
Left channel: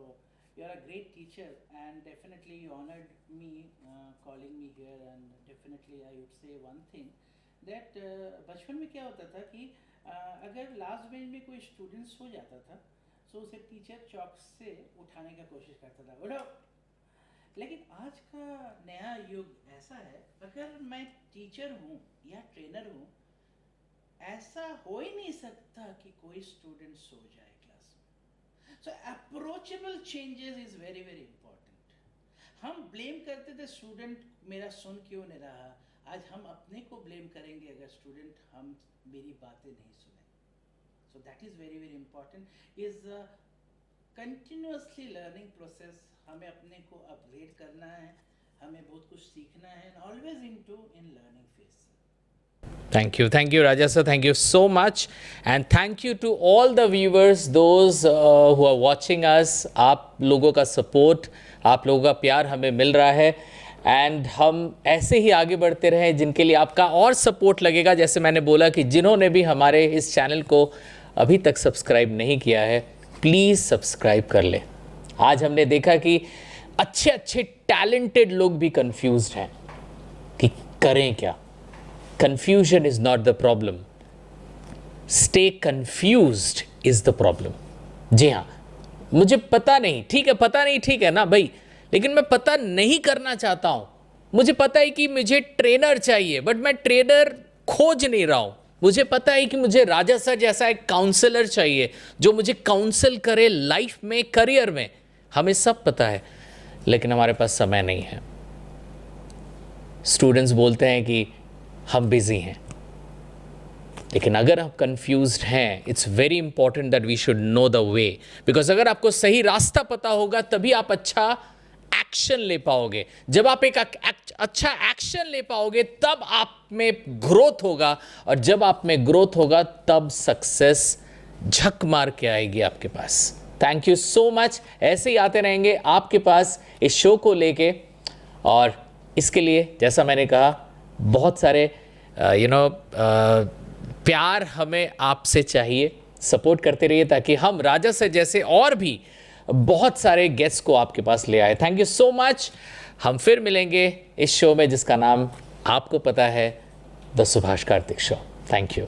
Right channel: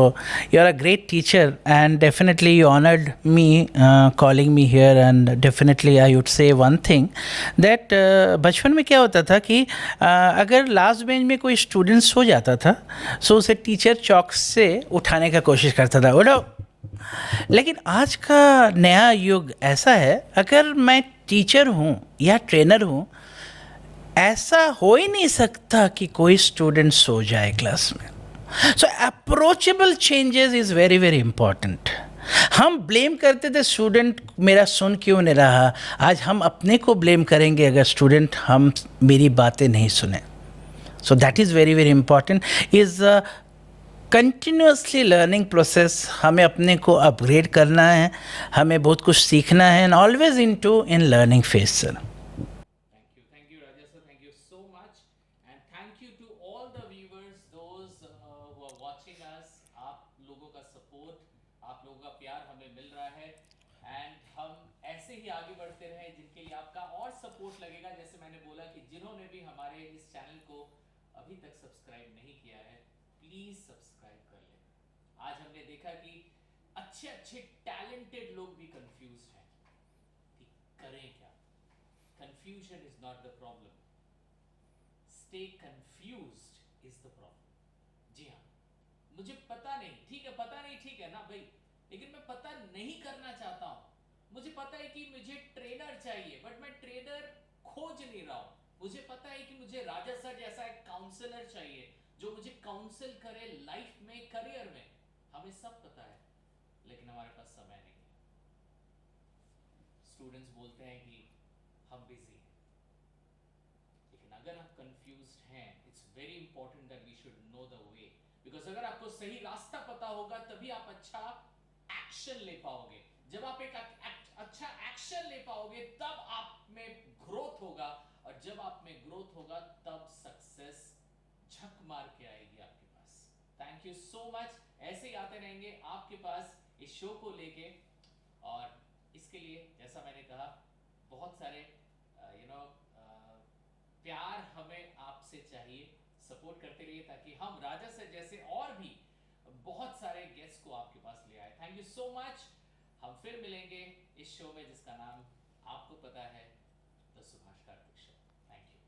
you're a great teacher, and definitely you honored me calling me here. And definitely I would say one thing that बचपन में क्या होता था कि अगर last bench में कोई student so जाता था, सो उसे टीचर चौक से उठाने का कोशिश करता था, उठो। लेकिन आज का नया युग ऐसा है, अगर मैं टीचर हूँ या ट्रेनर हूँ, ऐसा हो ही नहीं सकता कि कोई स्टूडेंट सो जाए क्लास में। So approachable changes is very very important. हम ब्लेम करते थे स्टूडेंट मेरा सुन क्यों नहीं रहा, आज हम अपने को ब्लेम करेंगे अगर स्टूडेंट हम मेरी बातें नहीं सुने। सो that is very very important. Is continuously learning process. हमें अपने को अपग्रेड करना है, हमें बहुत कुछ सीखना है, and always in learning phase sir. Thank you, Raja sir. Thank you so much, and thank you to all the viewers, those who are watching us. आप लोगों का support, आप लोगों का प्यार हमें मिल रहा है, and हम ऐसे ही आगे बढ़ते रहें, जिनके लिए आपका और support लगेगा। जैसे मैंने बोला कि जिन्होंने भी हमारे इस चैनल को अभी तक सब्सक्राइब नहीं किया है, प्लीज़ सब्सक्राइब कर लें। आज हमने देखा कि अच्छे टैलेंटेड लोग भी कंफ्यूज्ड हैं कि करें क्या। Confusion is not the problem. Stay confused is the problem. जी हाँ, मुझे पता नहीं, ठीक है, पता नहीं, ठीक है ना भाई, लेकिन मैं पता नहीं करना चाहता हूं। मुझे पता है कि मुझे ट्रेनर चाहिए, बट मैं ट्रेनर खोज नहीं रहा हूं। मुझे पता है कि मुझे राजा सर जैसा एक काउंसलर चाहिए जो मुझे काउंसल करे लाइफ में, करियर में। हमें सब पता है, लेकिन हमारे पास समय नहीं है। स्टूडेंट्स बोलते हैं कि हम बिजी हैं, लेकिन अगर आप कंफ्यूज्ड हैं, it's very important that we should know the way, because अगर आपको सही रास्ता पता होगा तभी आप अच्छा एक्शन ले पाओगे। जब आप एक अच्छा एक्शन ले पाओगे तब आप में ग्रोथ होगा, और जब आप में ग्रोथ होगा तब सक्सेस झक मार के आएगी आपके पास। Thank you so much. ऐसे ही आते रहेंगे आपके पास इस शो को लेके, और इसके लिए जैसा मैंने कहा बहुत सारे प्यार हमें आपसे चाहिए। सपोर्ट करते रहिए ताकि हम राजा से जैसे और भी बहुत सारे गेस्ट को आपके पास ले आए। Thank you so much. हम फिर मिलेंगे इस शो में जिसका नाम आपको पता है, the Subhash Kartik show. Thank you.